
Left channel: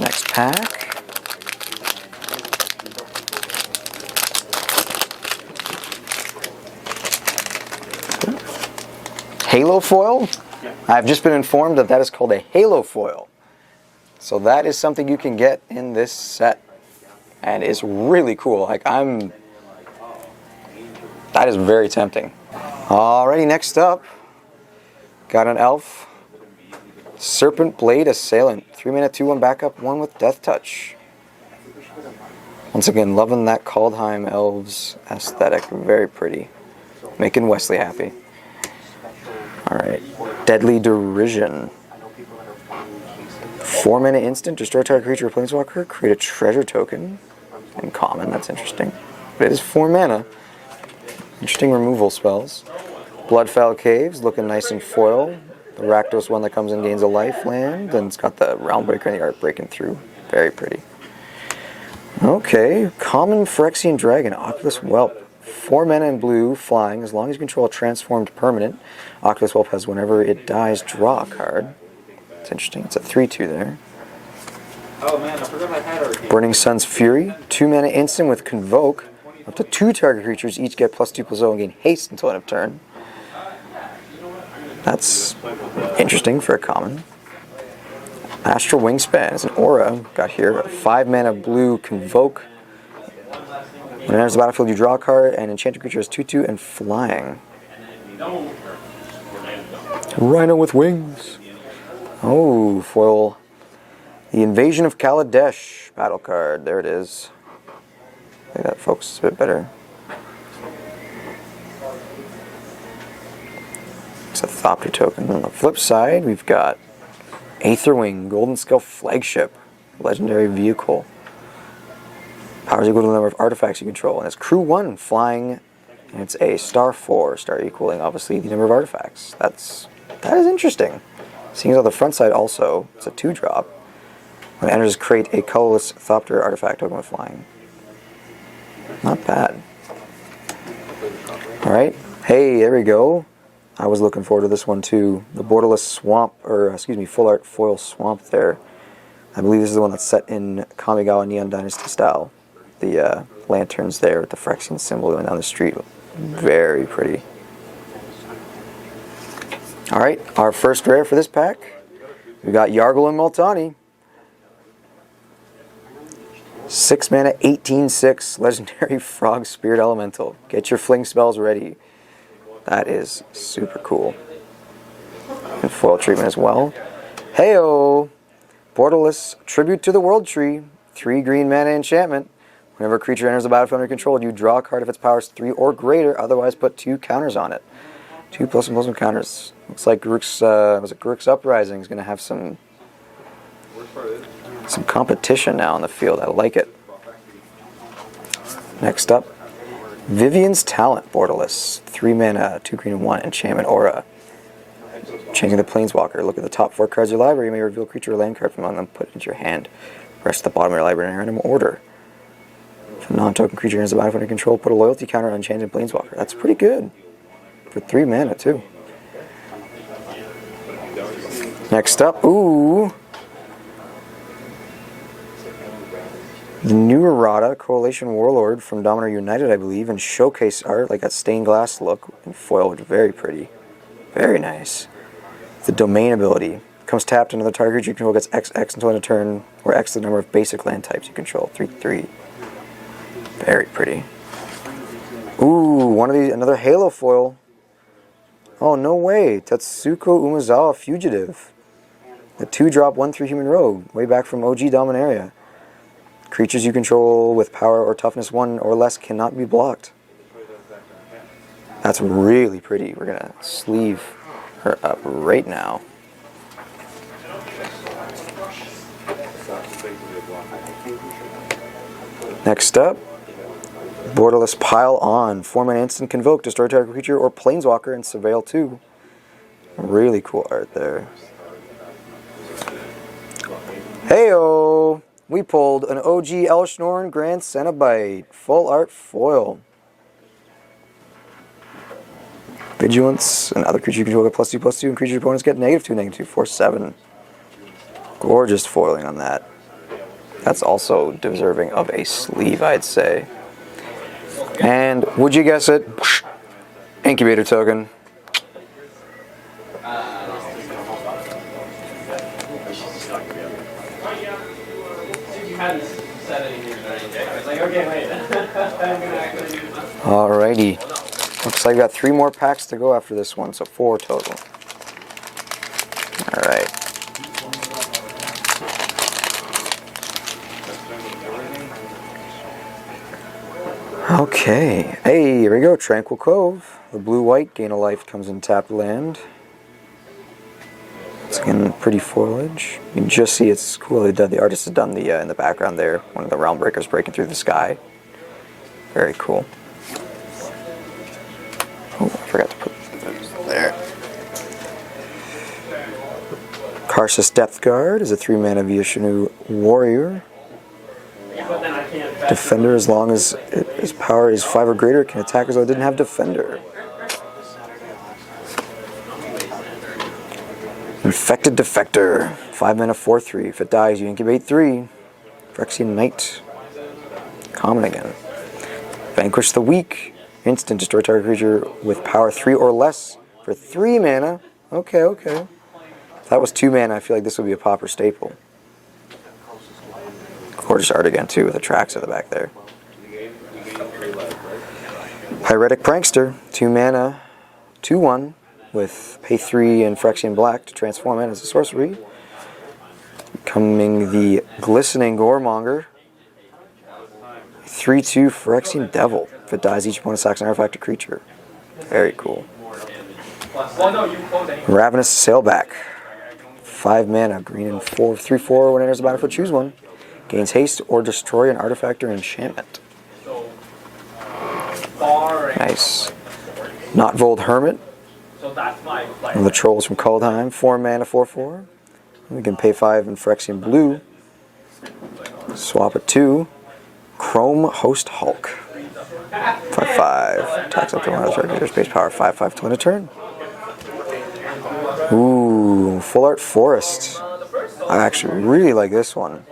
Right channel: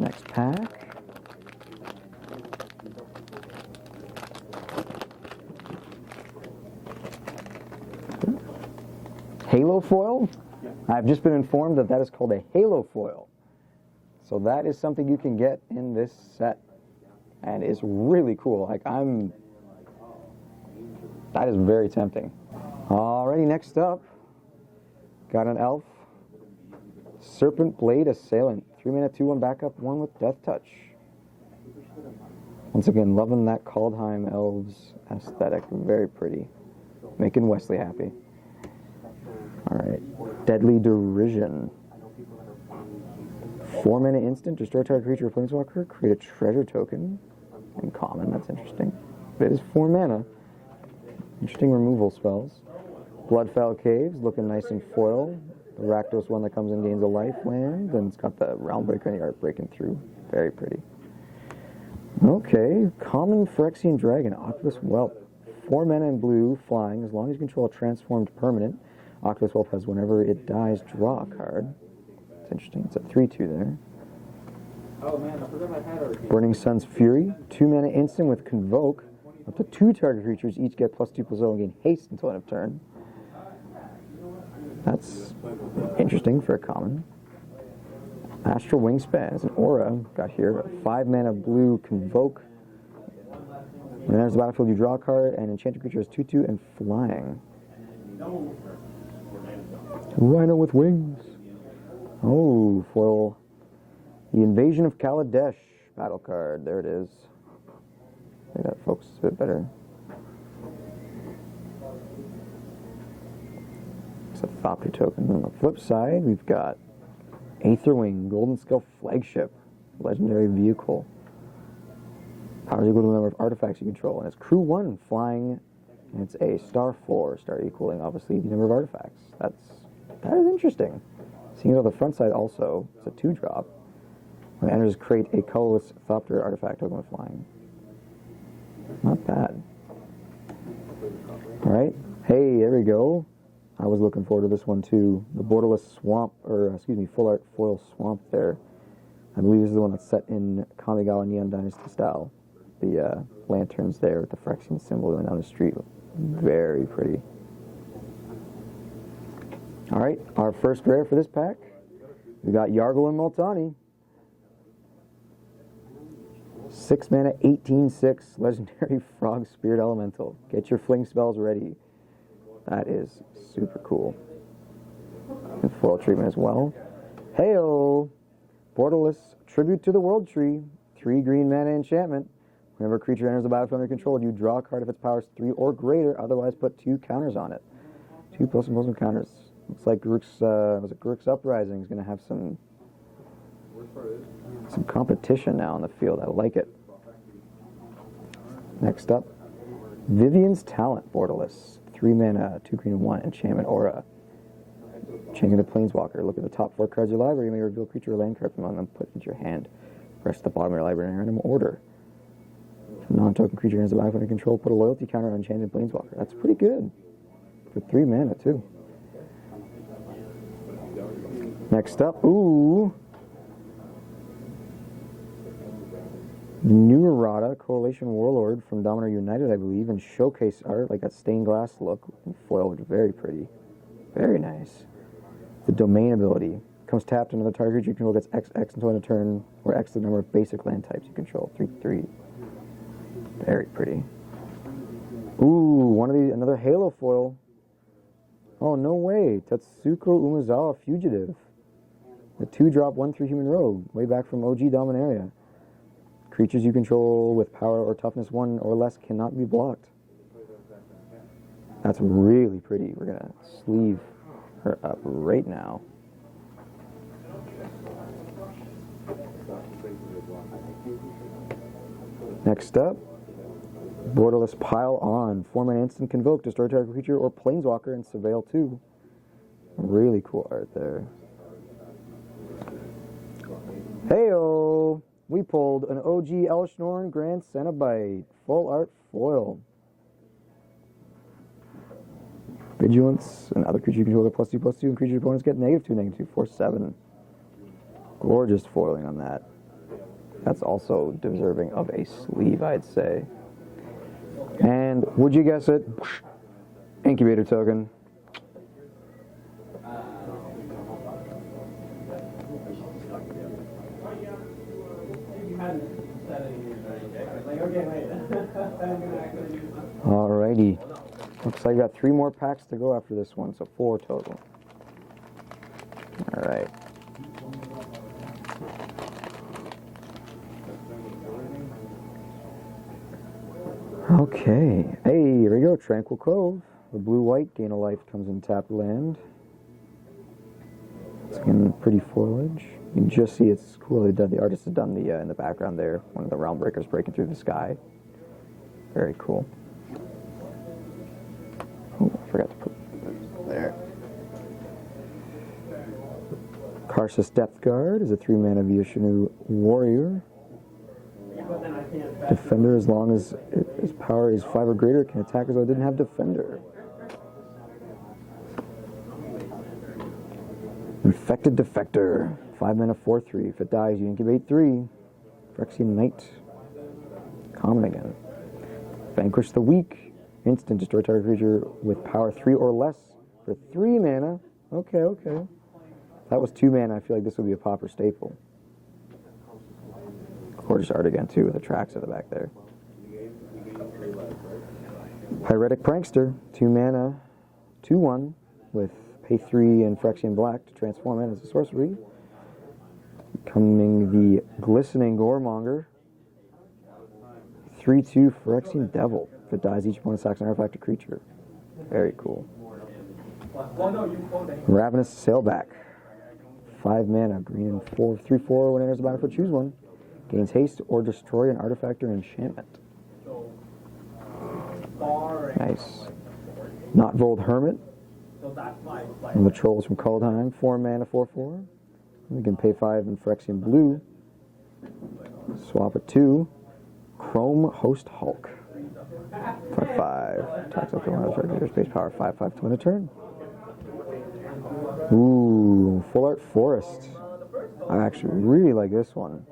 Next pack. Halo foil? I've just been informed that is called a Halo foil. So that is something you can get in this set. And it's really cool. That is very tempting. Alrighty, next up, got an elf. Serpent Blade Assailant. 3 mana, 2/1 backup, 1 with Death Touch. Once again, loving that Kaldheim Elves aesthetic. Very pretty. Making Wesley happy. Alright. Deadly Derision. 4 mana instant, destroy target creature or planeswalker, create a treasure token. In common, that's interesting. But it is 4 mana. Interesting removal spells. Bloodfowl Caves, looking nice in foil. The Rakdos one that comes and gains a life land, and it's got the Realmbreaker and the art breaking through. Very pretty. Okay, common Phyrexian Dragon, Oculus Whelp. 4 mana in blue, flying. As long as you control a transformed permanent, Oculus Whelp has whenever it dies, draw a card. It's interesting. It's a 3/2 there. Oh man, I forgot I had Arcane. Burning Sun's Fury, 2 mana instant with Convoke. Up to 2 target creatures each get +2/+0 and gain haste until end of turn. That's interesting for a common. Astral Wingspan is an aura. Got here 5 mana blue Convoke. When it enters the battlefield, you draw a card, and enchanted creature has 2/2 and flying. Rhino with wings. Oh, foil. The Invasion of Kaladesh battle card. There it is. I think that focuses a bit better. It's a Thopter token. On the flip side, we've got Aetherwing, Golden Skull Flagship, legendary vehicle. Power is equal to the number of artifacts you control, and it's crew 1 flying, and it's a star 4, star equaling obviously the number of artifacts. That is interesting. Seeing as on the front side also, it's a 2-drop. When it enters, create a colorless Thopter artifact token with flying. Not bad. All right. Hey, there we go. I was looking forward to this one too. The Borderless Swamp, full art foil swamp there. I believe this is the one that's set in Kamigawa Neon Dynasty style. The lanterns there with the Phyrexian symbol going down the street. Very pretty. All right, our first rare for this pack. We got Yargle and Multani. 6 mana, 18/6, legendary Frog Spirit Elemental. Get your fling spells ready. That is super cool. And foil treatment as well. Heyo! Borderless Tribute to the World Tree. 3 green mana enchantment. Whenever a creature enters the battlefield under control, you draw a card if its power is 3 or greater, otherwise put 2 counters on it. 2 +1/+1 counters. Looks like Garruk's Uprising is going to have some competition now in the field. I like it. Next up, Vivian's Talent, Borderless. 3 mana, 2 green and 1, enchantment aura. Changing the Planeswalker. Look at the top 4 cards of your library. You may reveal a creature or land card from among them, put it into your hand. Rest at the bottom of your library in random order. If a non-token creature enters the battlefield under control, put a loyalty counter on Enchanted Planeswalker. That's pretty good. For 3 mana, too. Next up, ooh. The new Errata, Coalition Warlord from Dominator United, I believe, and showcase art, like that stained glass look, and foiled, very pretty. Very nice. The Domain ability. Comes tapped, another target creature you control gets XX until end of turn, or X the number of basic land types you control. 3/3. Very pretty. Ooh, one of these, another Halo foil. Oh, no way. Tatsuko Umezawa Fugitive. The 2-drop 1/3 human rogue, way back from OG Dominaria. Creatures you control with power or toughness 1 or less cannot be blocked. That's really pretty. We're going to sleeve her up right now. Next up, Borderless Pile On. 4 mana instant convoke, destroy target creature or planeswalker and surveil 2. Really cool art there. Heyo! We pulled an OG Elshnorn Grand Cenobite, full art foil. Vigilance, and other creature you control get +2/+2, and creature opponents get -2, -2, 4/7. Gorgeous foiling on that. That's also deserving of a sleeve, I'd say. And would you guess it? Incubator token. Alrighty. Looks like I got 3 more packs to go after this one, so 4 total. Alright. Okay. Hey, here we go. Tranquil Cove. The blue-white gain a life comes in tapped land. It's again pretty foliage. You can just see it's cool. The artist has done the in the background there. One of the realm breakers breaking through the sky. Very cool. Oh, I forgot to put that there. Karsus Depth Guard is a 3 mana Vishnu warrior. Defender, as long as his power is 5 or greater, can attack as though it didn't have Defender. Infected Defector, 5 mana 4/3. If it dies, you incubate 3. Phyrexian Knight. Common again. Vanquish the Weak. Instant, destroy target creature with power 3 or less for 3 mana. Okay, okay. If that was 2 mana, I feel like this would be a Pauper staple. Gorgeous art again, too, with the tracks at the back there. Pyretic Prankster, 2 mana, 2/1, with pay 3 and Phyrexian Black to transform it as a sorcery. Becoming the Glistening Goremonger, 3/2 Phyrexian Devil. If it dies, each opponent sacks an artifact or creature. Very cool. Ravenous Sailback, 5 mana, green and 3/4. When it enters the battlefield, choose one. Gains haste or destroy an artifact or enchantment. Nice. Notvold Hermit. One of the trolls from Kaldheim. 4 mana, 4/4. We can pay 5 in Phyrexian Blue. Swap it to Chrome Host Hulk. 5/5. Attacks up to one of the creatures. Base power 5/5 to win a turn. Ooh, Full Art Forest. I actually really like this one.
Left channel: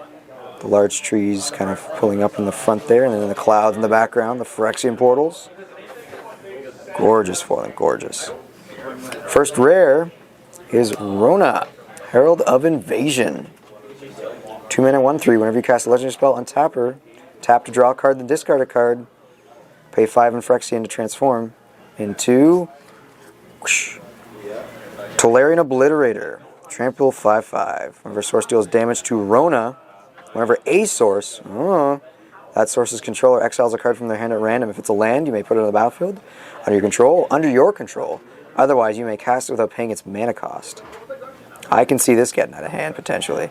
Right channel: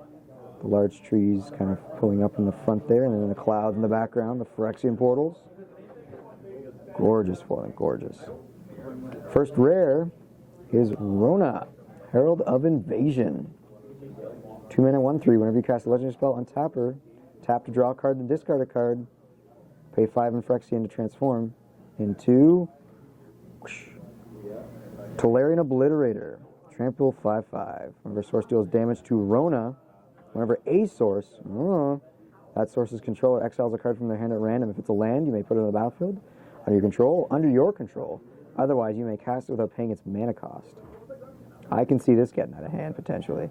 The large trees kind of pulling up in the front there, and then the clouds in the background, the Phyrexian portals. Gorgeous foiling, gorgeous. First rare is Rona, Herald of Invasion. 2 mana, 1/3. Whenever you cast a legendary spell, untap her. Tap to draw a card, then discard a card. Pay 5 in Phyrexian to transform into Tolarian Obliterator. Trample 5/5. Whenever source deals damage to Rona, whenever a source, that source's controller exiles a card from their hand at random. If it's a land, you may put it on the battlefield under your control. Otherwise, you may cast it without paying its mana cost. I can see this getting out of hand, potentially.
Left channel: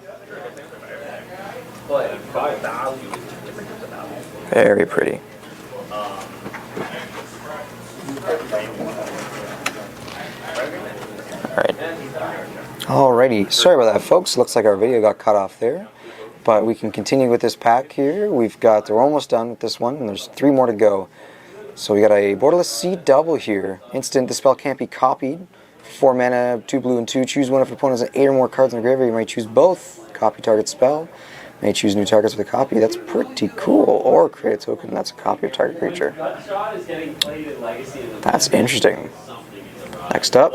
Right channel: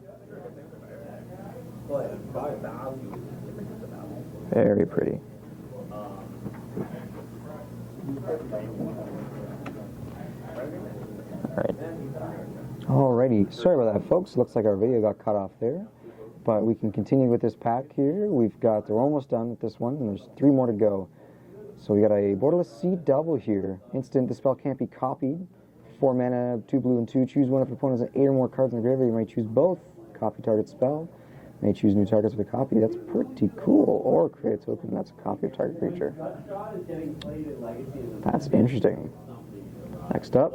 Very pretty. Alright. Alrighty. Sorry about that, folks. Looks like our video got cut off there. But we can continue with this pack here. We're almost done with this one, and there's 3 more to go. So we got a Borderless Sea Double here. Instant, the spell can't be copied. 4 mana, 2 blue and 2. Choose one if your opponent has 8 or more cards in the graveyard. You may choose both. Copy target spell. You may choose new targets with a copy. That's pretty cool. Or create a token that's a copy of target creature. That's interesting. Next up,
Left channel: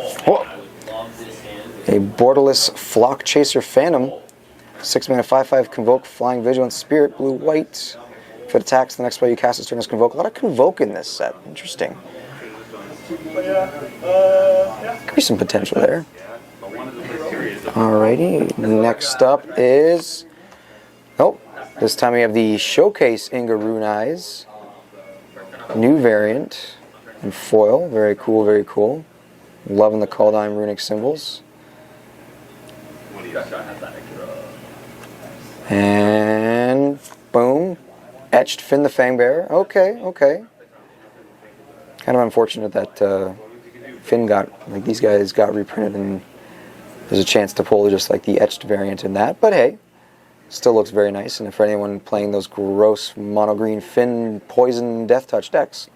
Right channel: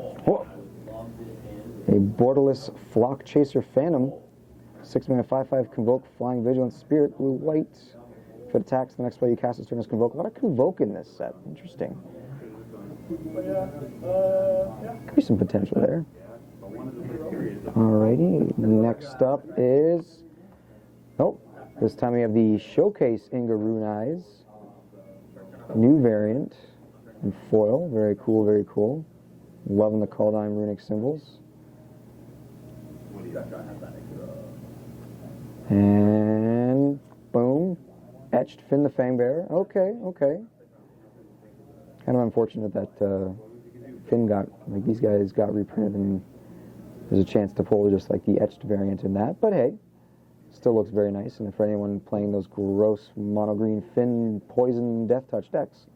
a Borderless Flock Chaser Phantom. 6 mana, 5/5, Convoke, Flying Vigilant Spirit, blue, white. If it attacks, the next spell you cast this turn is Convoke. A lot of Convoke in this set. Interesting. Could be some potential there. Alrighty, next up is... this time we have the Showcase Inga Rune Eyes. New variant in foil. Very cool, very cool. Loving the Kaldheim runic symbols. And boom, etched Finn the Fangbearer. Okay. Kind of unfortunate that Finn these guys got reprinted, and there's a chance to pull just like the etched variant in that. But hey, still looks very nice. And for anyone playing those gross mono green Finn poison death touch decks,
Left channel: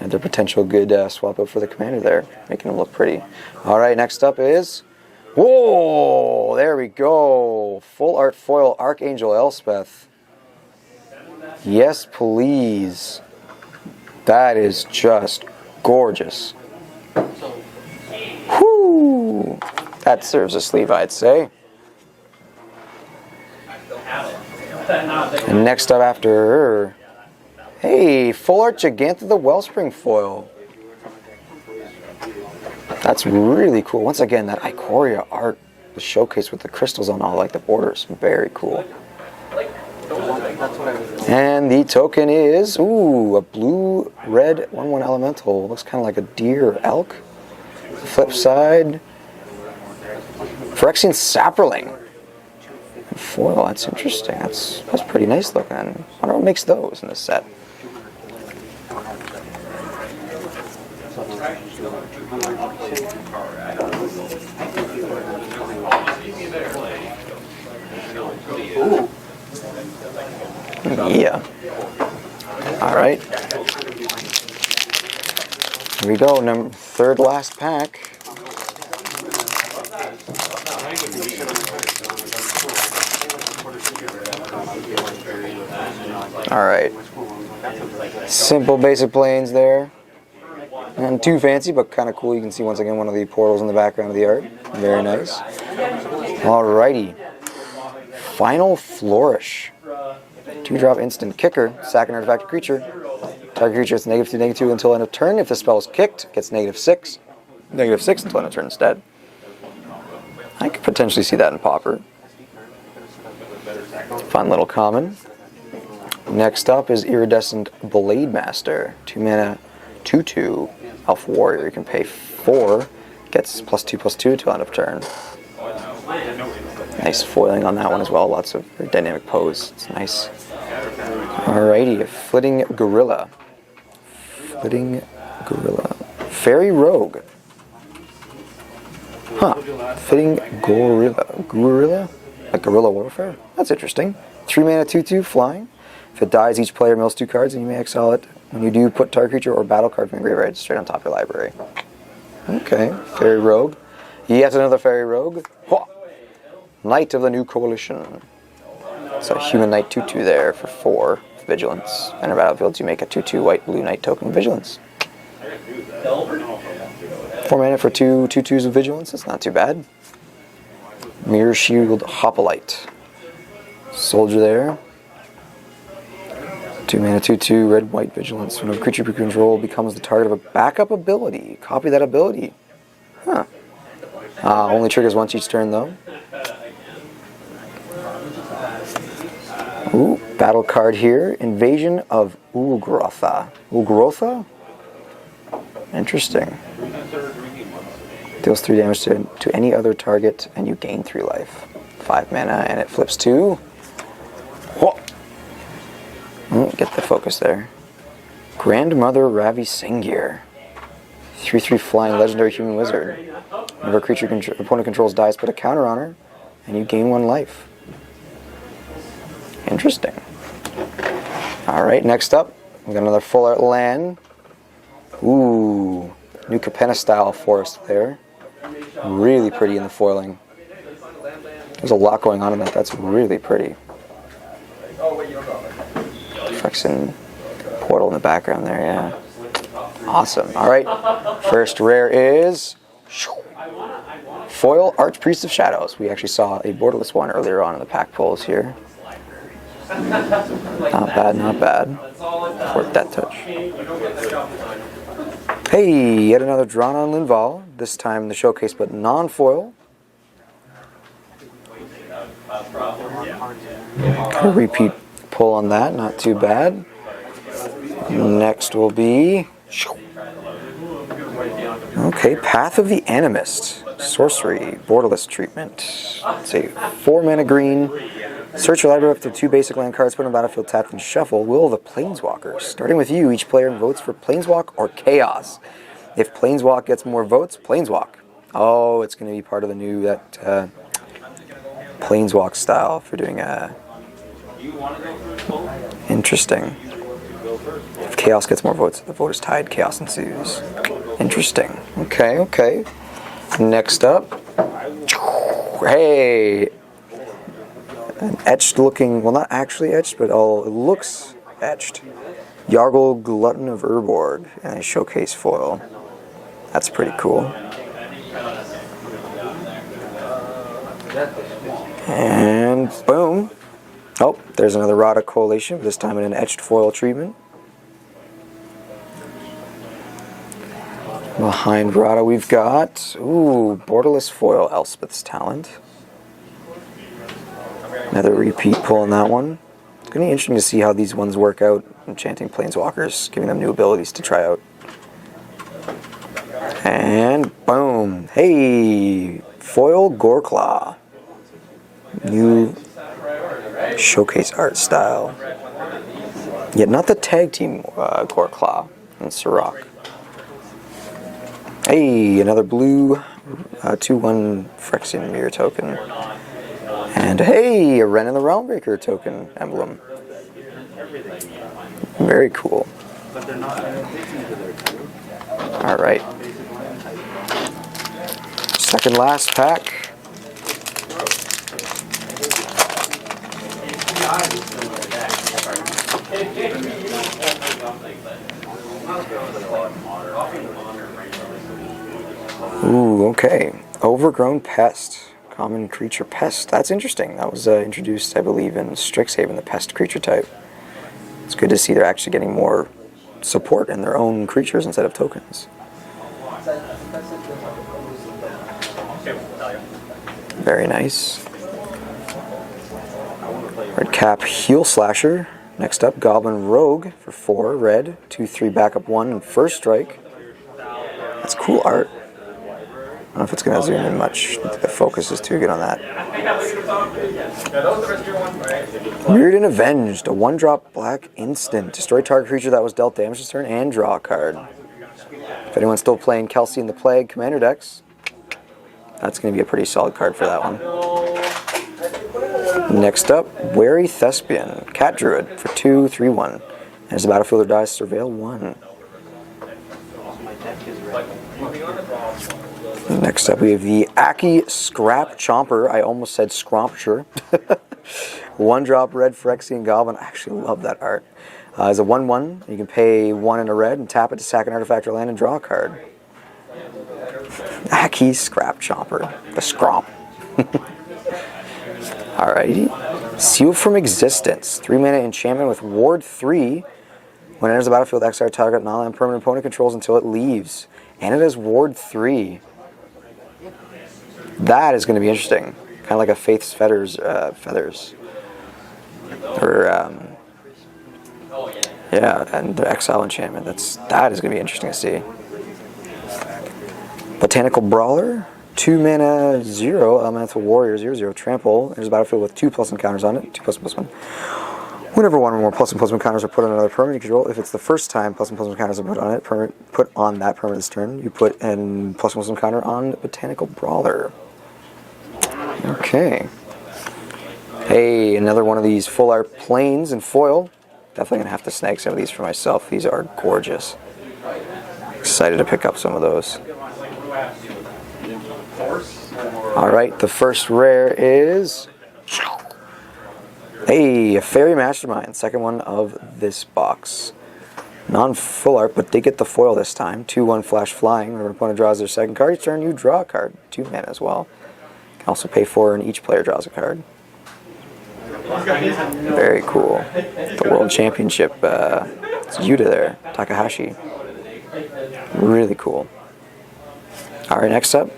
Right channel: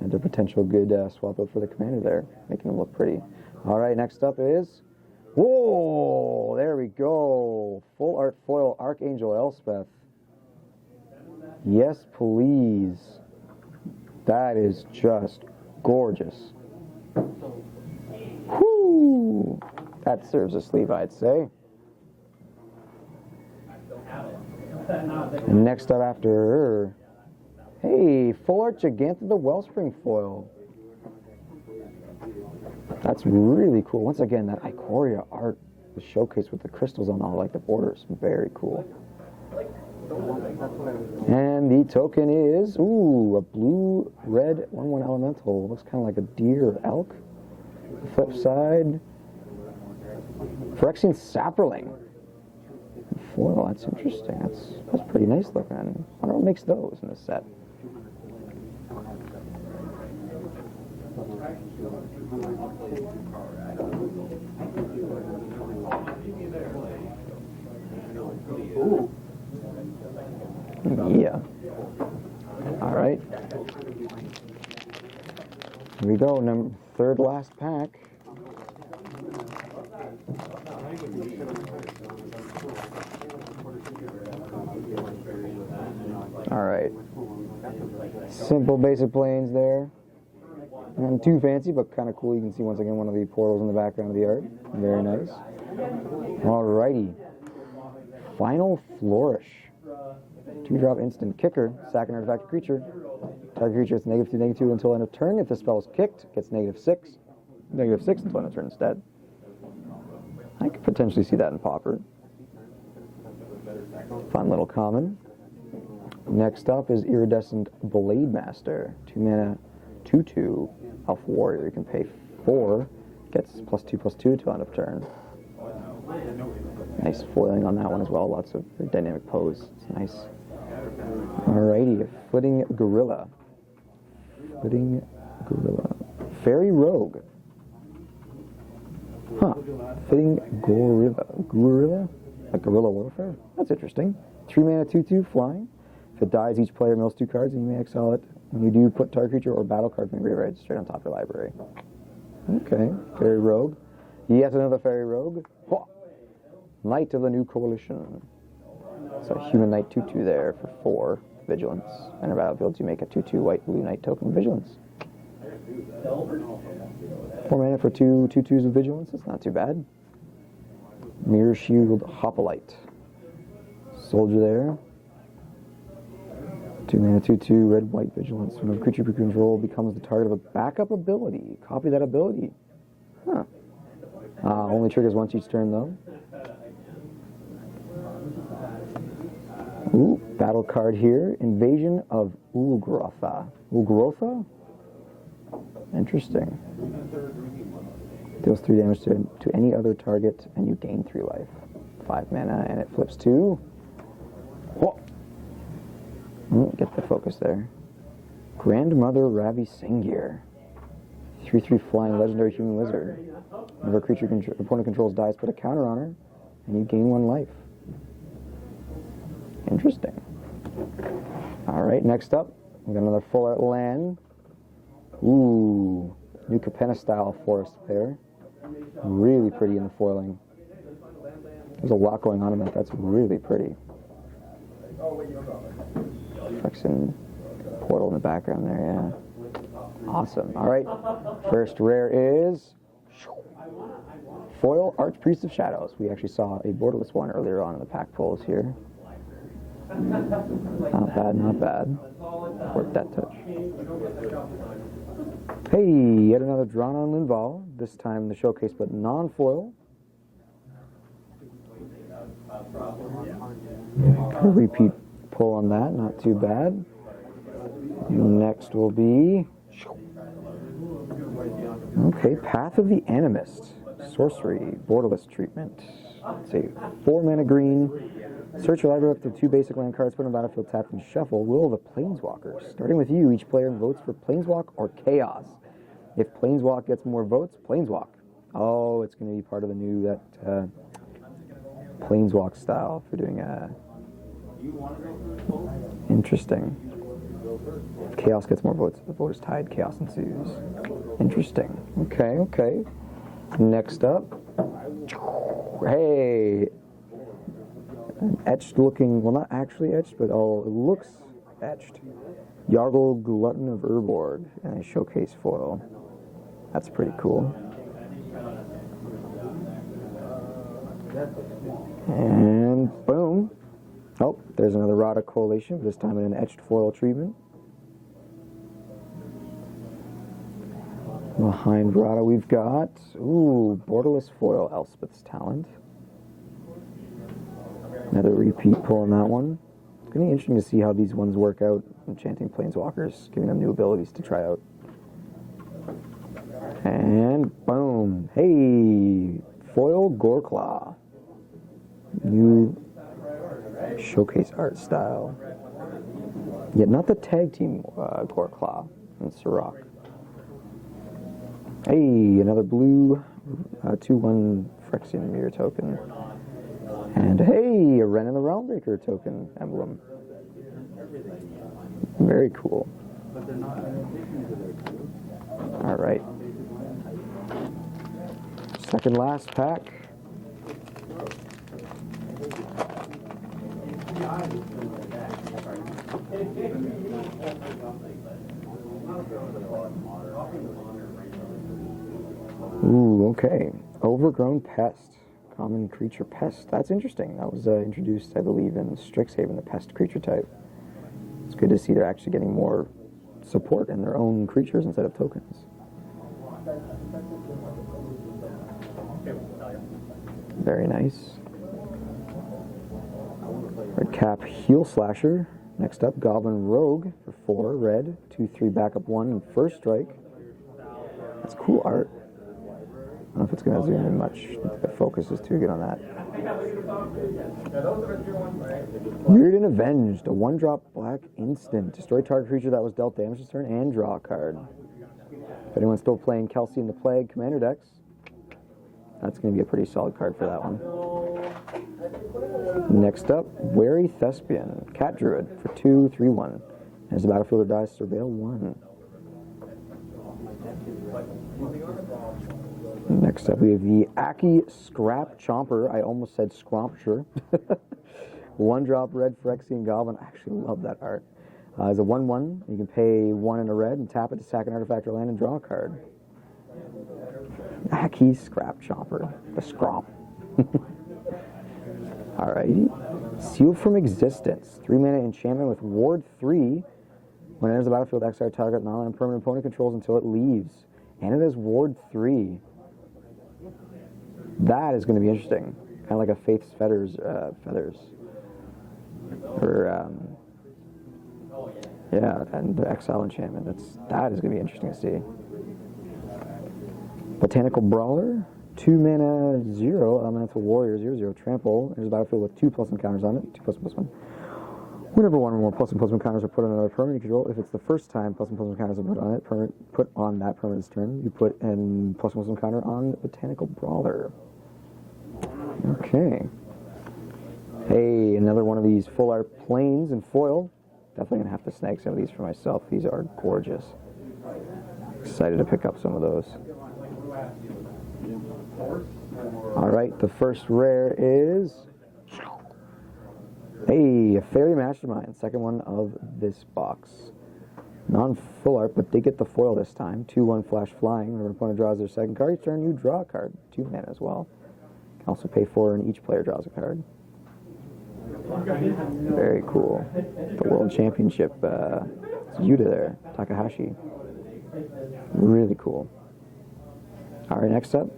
and their potential good swap out for the commander there, making them look pretty. All right, next up is. Whoa, there we go. Full art foil Archangel Elspeth. Yes, please. That is just gorgeous. Whoo! That serves a sleeve, I'd say. And next up after her, hey, Full Art Gigantha the Wellspring foil. That's really cool. Once again, that Ikoria art, the showcase with the crystals on all like the borders, very cool. And the token is, a blue-red 1/1 elemental. Looks kind of like a deer or elk. The flip side, Phyrexian Saproling. Foil, that's interesting. That's pretty nice looking. I wonder what makes those in this set. Yeah. All right. Here we go. Third last pack. All right. Simple basic planes there. Not too fancy, but kind of cool. You can see once again one of the portals in the background of the art. Very nice. Alrighty. Final Flourish. 2-drop instant kicker. Sack an artifact creature. Target creature gets -2/-2 until end of turn. If the spell is kicked, it gets -6. -6 until end of turn instead. I could potentially see that in Pauper. Fun little common. Next up is Iridescent Blade Master. 2 mana, 2/2 Elf Warrior. You can pay 4, gets +2/+2 till end of turn. Nice foiling on that one as well. Lots of dynamic pose. It's nice. Alrighty, Flitting Gorilla. Flitting Gorilla. Fairy Rogue. Huh. Flitting Gorilla. Gorilla? Like Guerrilla Warfare? That's interesting. 3 mana, 2/2 flying. If it dies, each player mills 2 cards and you may exile it. When you do, put target creature or battle card from your graveyard straight on top of your library. Okay, Fairy Rogue. Yet another Fairy Rogue. Hwah! Knight of the New Coalition. So Human Knight 2/2 there for 4 Vigilance. Enter battlefield, you make a 2/2 white blue knight token Vigilance. 4 mana for 2 2/2s of Vigilance. That's not too bad. Mirror Shield Hoplite. Soldier there. 2 mana, 2/2 red white Vigilance. When a creature you control becomes the target of a backup ability, copy that ability. Huh. Only triggers once each turn though. Ooh, battle card here. Invasion of Ulgrotha. Ulgrotha? Interesting. Deals 3 damage to any other target and you gain 3 life. 5 mana and it flips to... Whoa. Get the focus there. Grandmother Ravi Sengir. 3/3 flying legendary human wizard. Whenever a creature opponent controls dies, put a counter on her and you gain 1 life. Interesting. Alright, next up, we got another full art land. Ooh, New Capenna style forest there. Really pretty in the foiling. There's a lot going on in that. That's really pretty. Phyrexian portal in the background there, yeah. Awesome. Alright, first rare is Foil Archpriest of Shadows. We actually saw a borderless one earlier on in the pack pulls here. Not bad, not bad. For Death Touch. Hey, yet another drawn on Linval. This time the showcase, but non-foil. A repeat pull on that, not too bad. Next will be... Okay, Path of the Animist. Sorcery, borderless treatment. Let's see, 4 mana green. Search your library up to 2 basic land cards, put on the battlefield, tapped, and shuffle. Will of the Planeswalkers. Starting with you, each player votes for Planeswalk or Chaos. If Planeswalk gets more votes, Planeswalk. Oh, it's going to be part of the new Planeswalk style for doing a... Interesting. If Chaos gets more votes, the vote is tied. Chaos ensues. Interesting. Okay, okay. Next up. Hey! An etched looking, well not actually etched, but it looks etched. Yargle Glutton of Urborg and a showcase foil. That's pretty cool. And boom. Oh, there's another Rada Coalition, this time in an etched foil treatment. Behind Rada we've got, ooh, borderless foil Elspeth's Talent. Another repeat pull on that one. It's going to be interesting to see how these ones work out, enchanting Planeswalkers, giving them new abilities to try out. And boom. Hey, foil Goreclaw. New showcase art style. Yet not the tag team Goreclaw and Sirach. Hey, another blue 2/1 Phyrexian Mirror token. And hey, a Wrenn and the Realmbreaker token emblem. Very cool. Alright. Second last pack. Ooh, okay. Overgrown Pest. Common creature pest. That's interesting. That was introduced, I believe, in Strixhaven, the pest creature type. It's good to see they're actually getting more support in their own creatures instead of tokens. Very nice. Red Cap Heel Slasher. Next up, Goblin Rogue for 4 red, 2/3 backup 1 and first strike. That's cool art. I don't know if it's going to zoom in much. The focus is too good on that. Weird and Avenged, a 1-drop black instant. Destroy target creature that was dealt damage this turn and draw a card. If anyone's still playing Kelsey and the Plague Commander decks, that's going to be a pretty solid card for that one. Next up, Wary Thespian, Cat Druid for 2/3/1. As the battlefielder dies, surveil 1. Next up, we have the Aki Scrap Chomper. I almost said Scrompture. 1-drop red Phyrexian Goblin. I actually love that art. It's a 1/1. You can pay 1 and a red and tap it to sack an artifact or land and draw a card. Aki Scrap Chomper. The Scromp. Alrighty. Seal from Existence. 3-mana enchantment with Ward 3. When it enters the battlefield, exile target non-land permanent opponent controls until it leaves. And it has Ward 3. That is going to be interesting. Kind of like a Faith's Feathers. Or, yeah, and the exile enchantment. That is going to be interesting to see. Botanical Brawler. 2-mana 0 elemental warrior 0/0 trample. There's a battlefield with 2+ encounters on it. 2++1. Whenever 1 or more ++1 encounters are put on another permanent you control, if it's the first time ++1 encounters are put on it, put on that permanent this turn, you put an ++1 encounter on Botanical Brawler. Okay. Hey, another one of these full art planes in foil. Definitely gonna have to snag some of these for myself. These are gorgeous. Excited to pick up some of those. Alright, the first rare is a Fairy Mastermind, second one of this box. Non-full art, but did get the foil this time. 2/1 flash flying. Whenever an opponent draws their second card each turn, you draw a card. 2 mana as well. Can also pay 4 and each player draws a card. Very cool. The World Championship. It's Yuta there. Takahashi. Really cool. Alright, next up.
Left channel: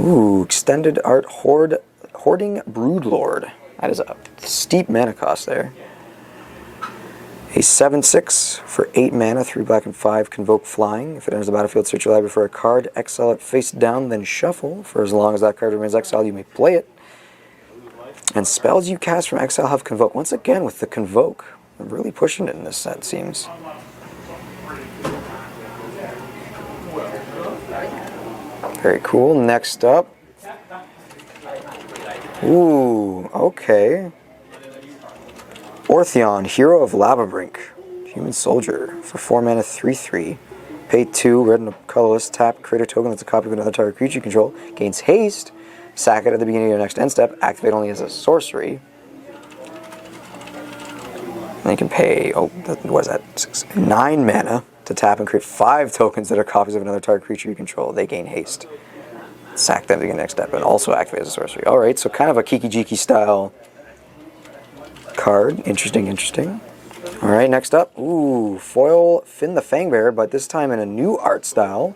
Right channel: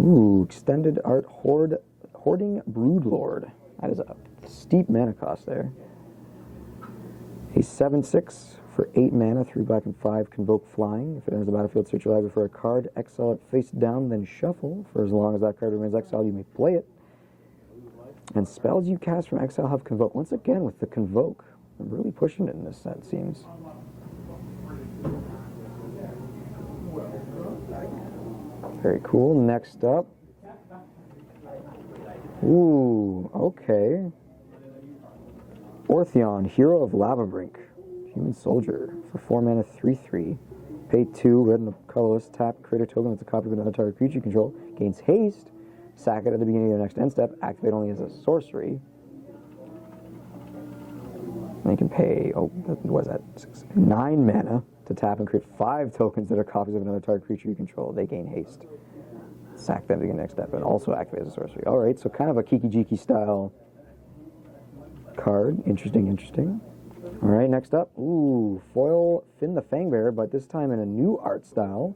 Ooh, extended art Hoarding Broodlord. That is a steep mana cost there. A 7/6 for 8 mana, 3 black and 5, convoke flying. If it enters the battlefield, search your library for a card, exile it face down, then shuffle. For as long as that card remains exiled, you may play it. And spells you cast from exile have convoke. Once again with the convoke. I'm really pushing it in this set, seems. Very cool. Next up. Ooh, okay. Ortheon, Hero of Labyrinth. Human Soldier. For 4 mana, 3/3. Pay 2, red and a colorless. Tap, create a token that's a copy of another target creature you control. Gains haste. Sack it at the beginning of your next end step. Activate only as a sorcery. And you can pay, what is that? 9 mana to tap and create 5 tokens that are copies of another target creature you control. They gain haste. Sack them to the next step and also activate as a sorcery. Alright, so kind of a Kiki-Jiki style card. Interesting, interesting. Alright, next up. Ooh, foil Finn the Fangbearer, but this time in a new art style.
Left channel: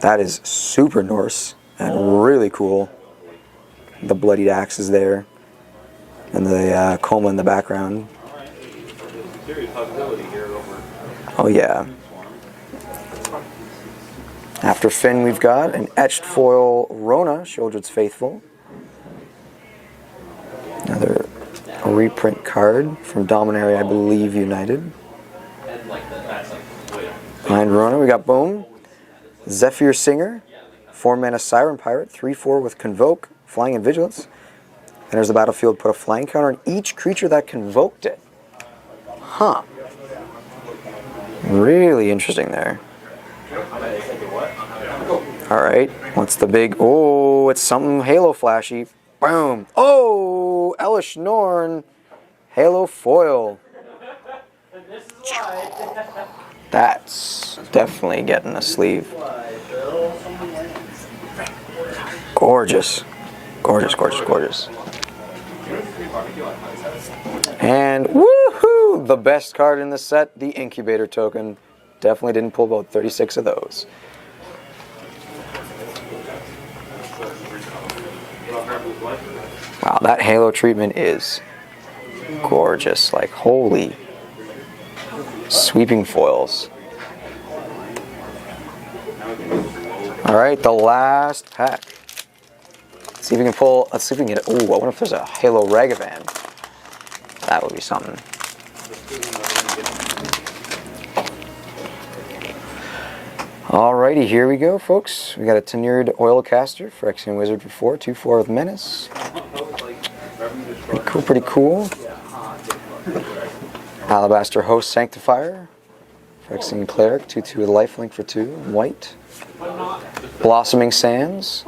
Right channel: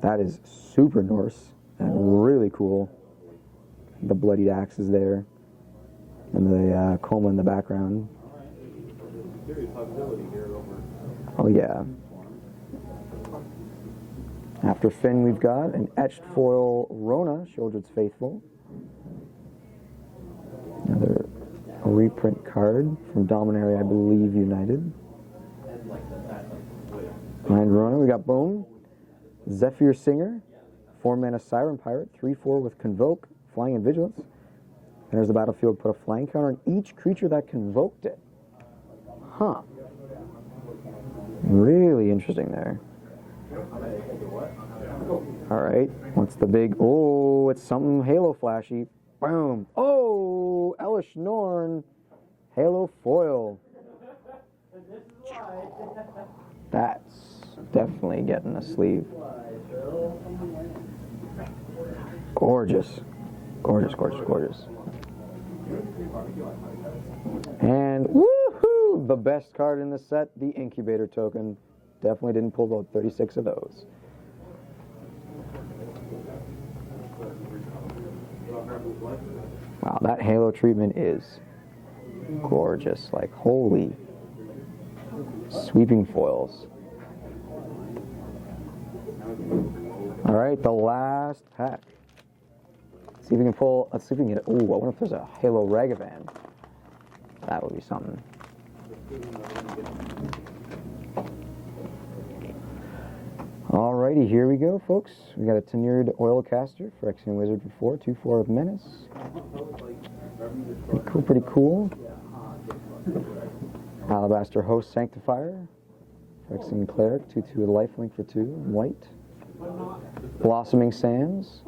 That is super Norse and really cool. The bloodied axe is there. And the coma in the background. Oh yeah. After Finn, we've got an etched foil Rona, Sheoldred's Faithful. Another reprint card from Dominaria, I believe, United. Behind Rona, we got Boom, Zephyr Singer, 4 mana Siren Pirate, 3/4 with Convoke, Flying and Vigilance. Enters the battlefield, put a flying counter on each creature that convoked it. Huh. Really interesting there. Alright, what's the big... Oh, it's something Halo flashy. Boom. Oh, Elesh Norn. Halo foil. That's definitely getting a sleeve. Gorgeous. Gorgeous, gorgeous, gorgeous. And woohoo! Ooh, the best card in the set, the Incubator token. Definitely didn't pull about 36 of those. Wow, that halo treatment is gorgeous. Like, holy. Sweeping foils. Alright, the last pack. Let's see if we can pull. Let's see if we can get. Ooh, I wonder if there's a Halo Ragavan. That would be something. Alrighty, here we go, folks. We got a Tenured Oilcaster for Phyrexian Wizard for 4, 2/4 with Menace. Pretty cool, pretty cool. Alabaster Host Sanctifier. Phyrexian Cleric, 2/2 with Lifelink for 2, white. Blossoming Sands.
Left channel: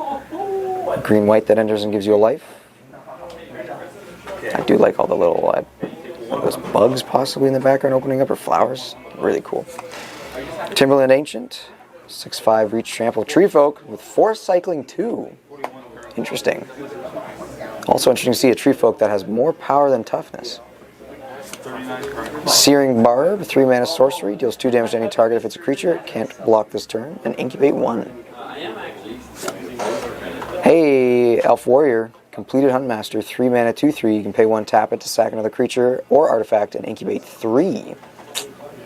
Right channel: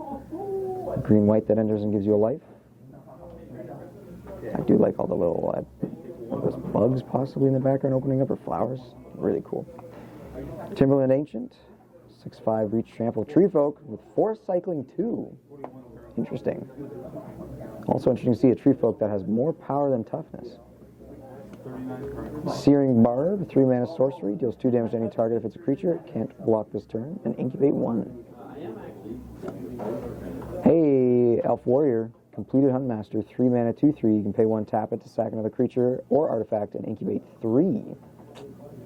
Green white that enters and gives you a life. I do like all the little those bugs possibly in the background opening up, or flowers. Really cool. Timberland Ancient. 6/5 Reach Trample Tree Folk with Force Cycling 2. Interesting. Also interesting to see a Tree Folk that has more power than toughness. Searing Barb, 3 mana sorcery, deals 2 damage to any target if it's a creature. It can't block this turn. And Incubate 1. Hey, Elf Warrior, completed Huntmaster, 3 mana 2/3. You can pay 1, tap it to sack another creature or artifact and Incubate 3.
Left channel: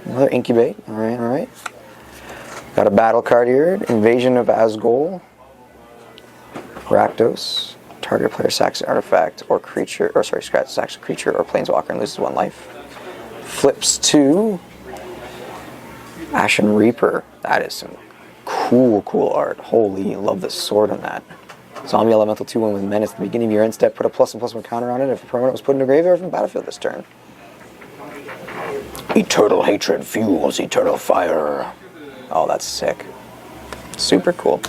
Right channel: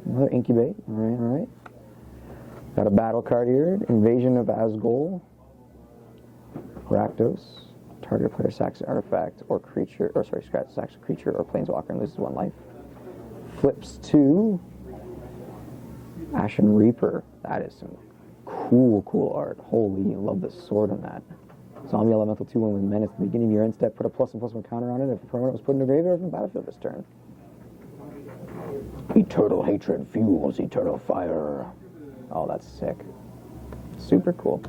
Another Incubate. Alright, alright. Got a battle card here. Invasion of Asgol. Rakdos. Target player sacks an artifact or creature, or sorry, sacks a creature or planeswalker and loses 1 life. Flips to Ashen Reaper. That is some cool art. Holy, love the sword on that. Zombie Elemental 2/1 with Menace. At the beginning of your end step, put a +1/+1 counter on it if a permanent was put in a graveyard from the battlefield this turn. Eternal Hatred fuels eternal fire. Oh, that's sick. Super cool.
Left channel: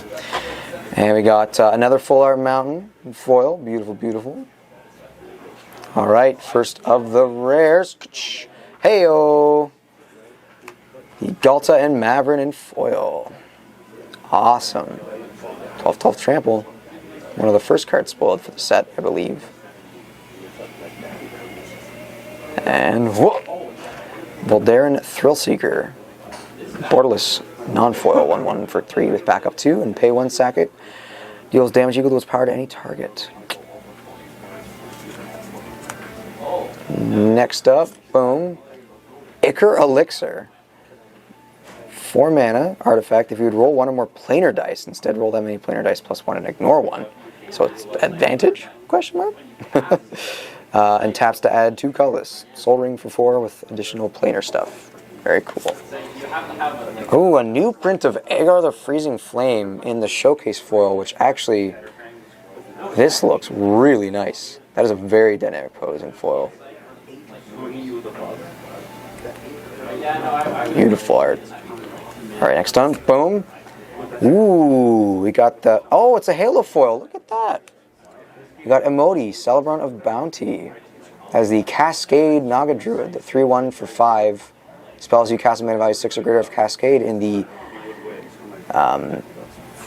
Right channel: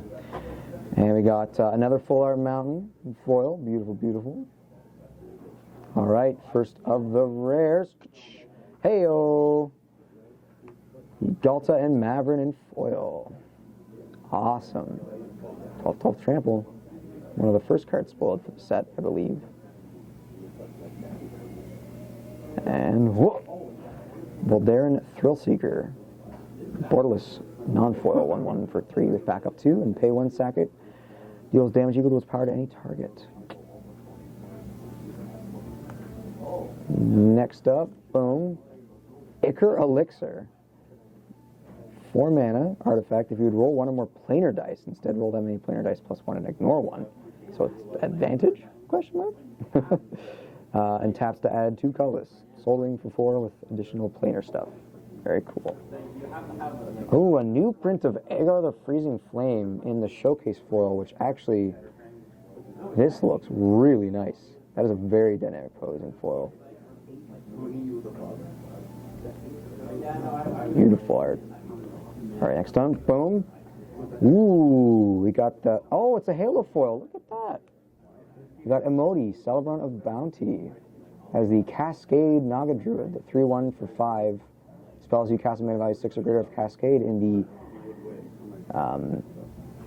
And we got another Full Art Mountain in foil. Beautiful, beautiful. All right, first of the rares. Heyo! The Galta and Maverin in foil. Awesome. 12/12 Trample. One of the first cards spoiled for the set, I believe. And whoa! Voldaren Thrillseeker. Borderless non-foil 1/1 for 3 with backup 2 and pay 1, sack it. Deals damage equal to its power to any target. Next up, boom. Ichor Elixir. 4 mana artifact. If you would roll 1 or more planar dice, instead roll that many planar dice +1 and ignore 1. So it's advantage? Question mark. And taps to add 2 colorless. Soul Ring for 4 with additional planar stuff. Very cool. Oh, a new print of Agar the Freezing Flame in the showcase foil, which actually, this looks really nice. That is a very dynamic posing foil. Beautiful art. All right, next on, boom. Ooh, we got the, oh, it's a Halo foil. Look at that. We got Emoti, Celebrant of Bounty. As the Cascade Naga Druid, the 3/1 for 5. Spells you cast a mana value 6 or greater of Cascade in the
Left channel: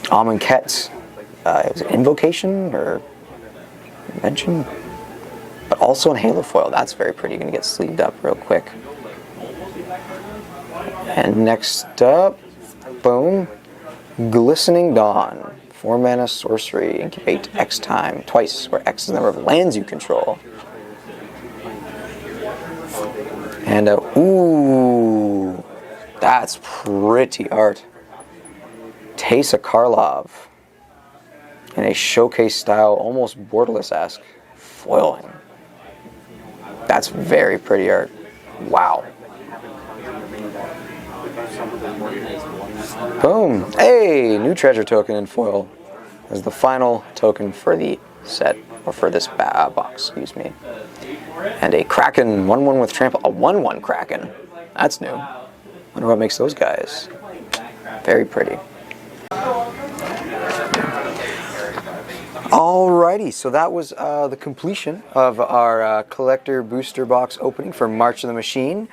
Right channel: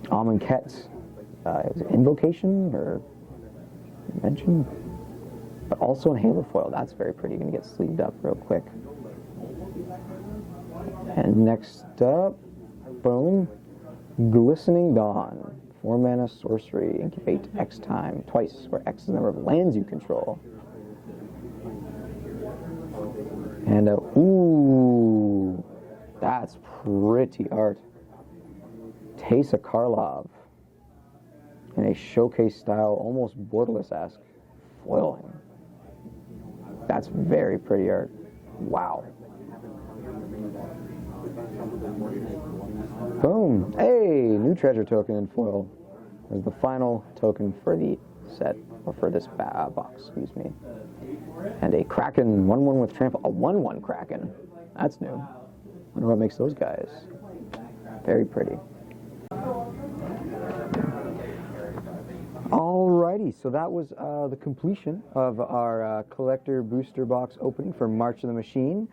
Amonkhet. It was an Invocation or Invention? But also in Halo foil. That's very pretty. You're going to get sleeved up real quick. And next up, boom, Glistening Dawn. 4 mana sorcery, incubate X time, twice, where X is the number of lands you control. And ooh, that's pretty art. Teysa Karlov in a showcase style, almost borderless-esque foiling. That's very pretty art. Wow. Boom. Hey, new treasure token in foil as the final token for the set, or for this box, excuse me. And a Kraken, 1/1 with trample, a 1/1 Kraken. That's new. Wonder what makes those guys. Very pretty. Alrighty, so that was the completion of our collector booster box opening for March of the Machine.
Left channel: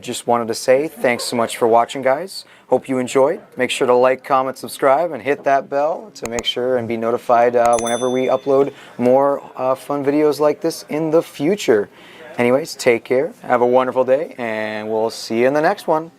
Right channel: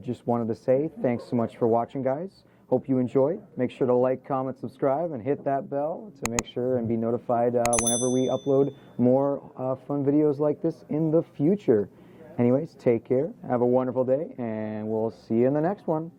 Just wanted to say thanks so much for watching, guys. Hope you enjoyed. Make sure to like, comment, subscribe, and hit that bell to make sure and be notified whenever we upload more fun videos like this in the future. Anyways, take care, have a wonderful day, and we'll see you in the next one.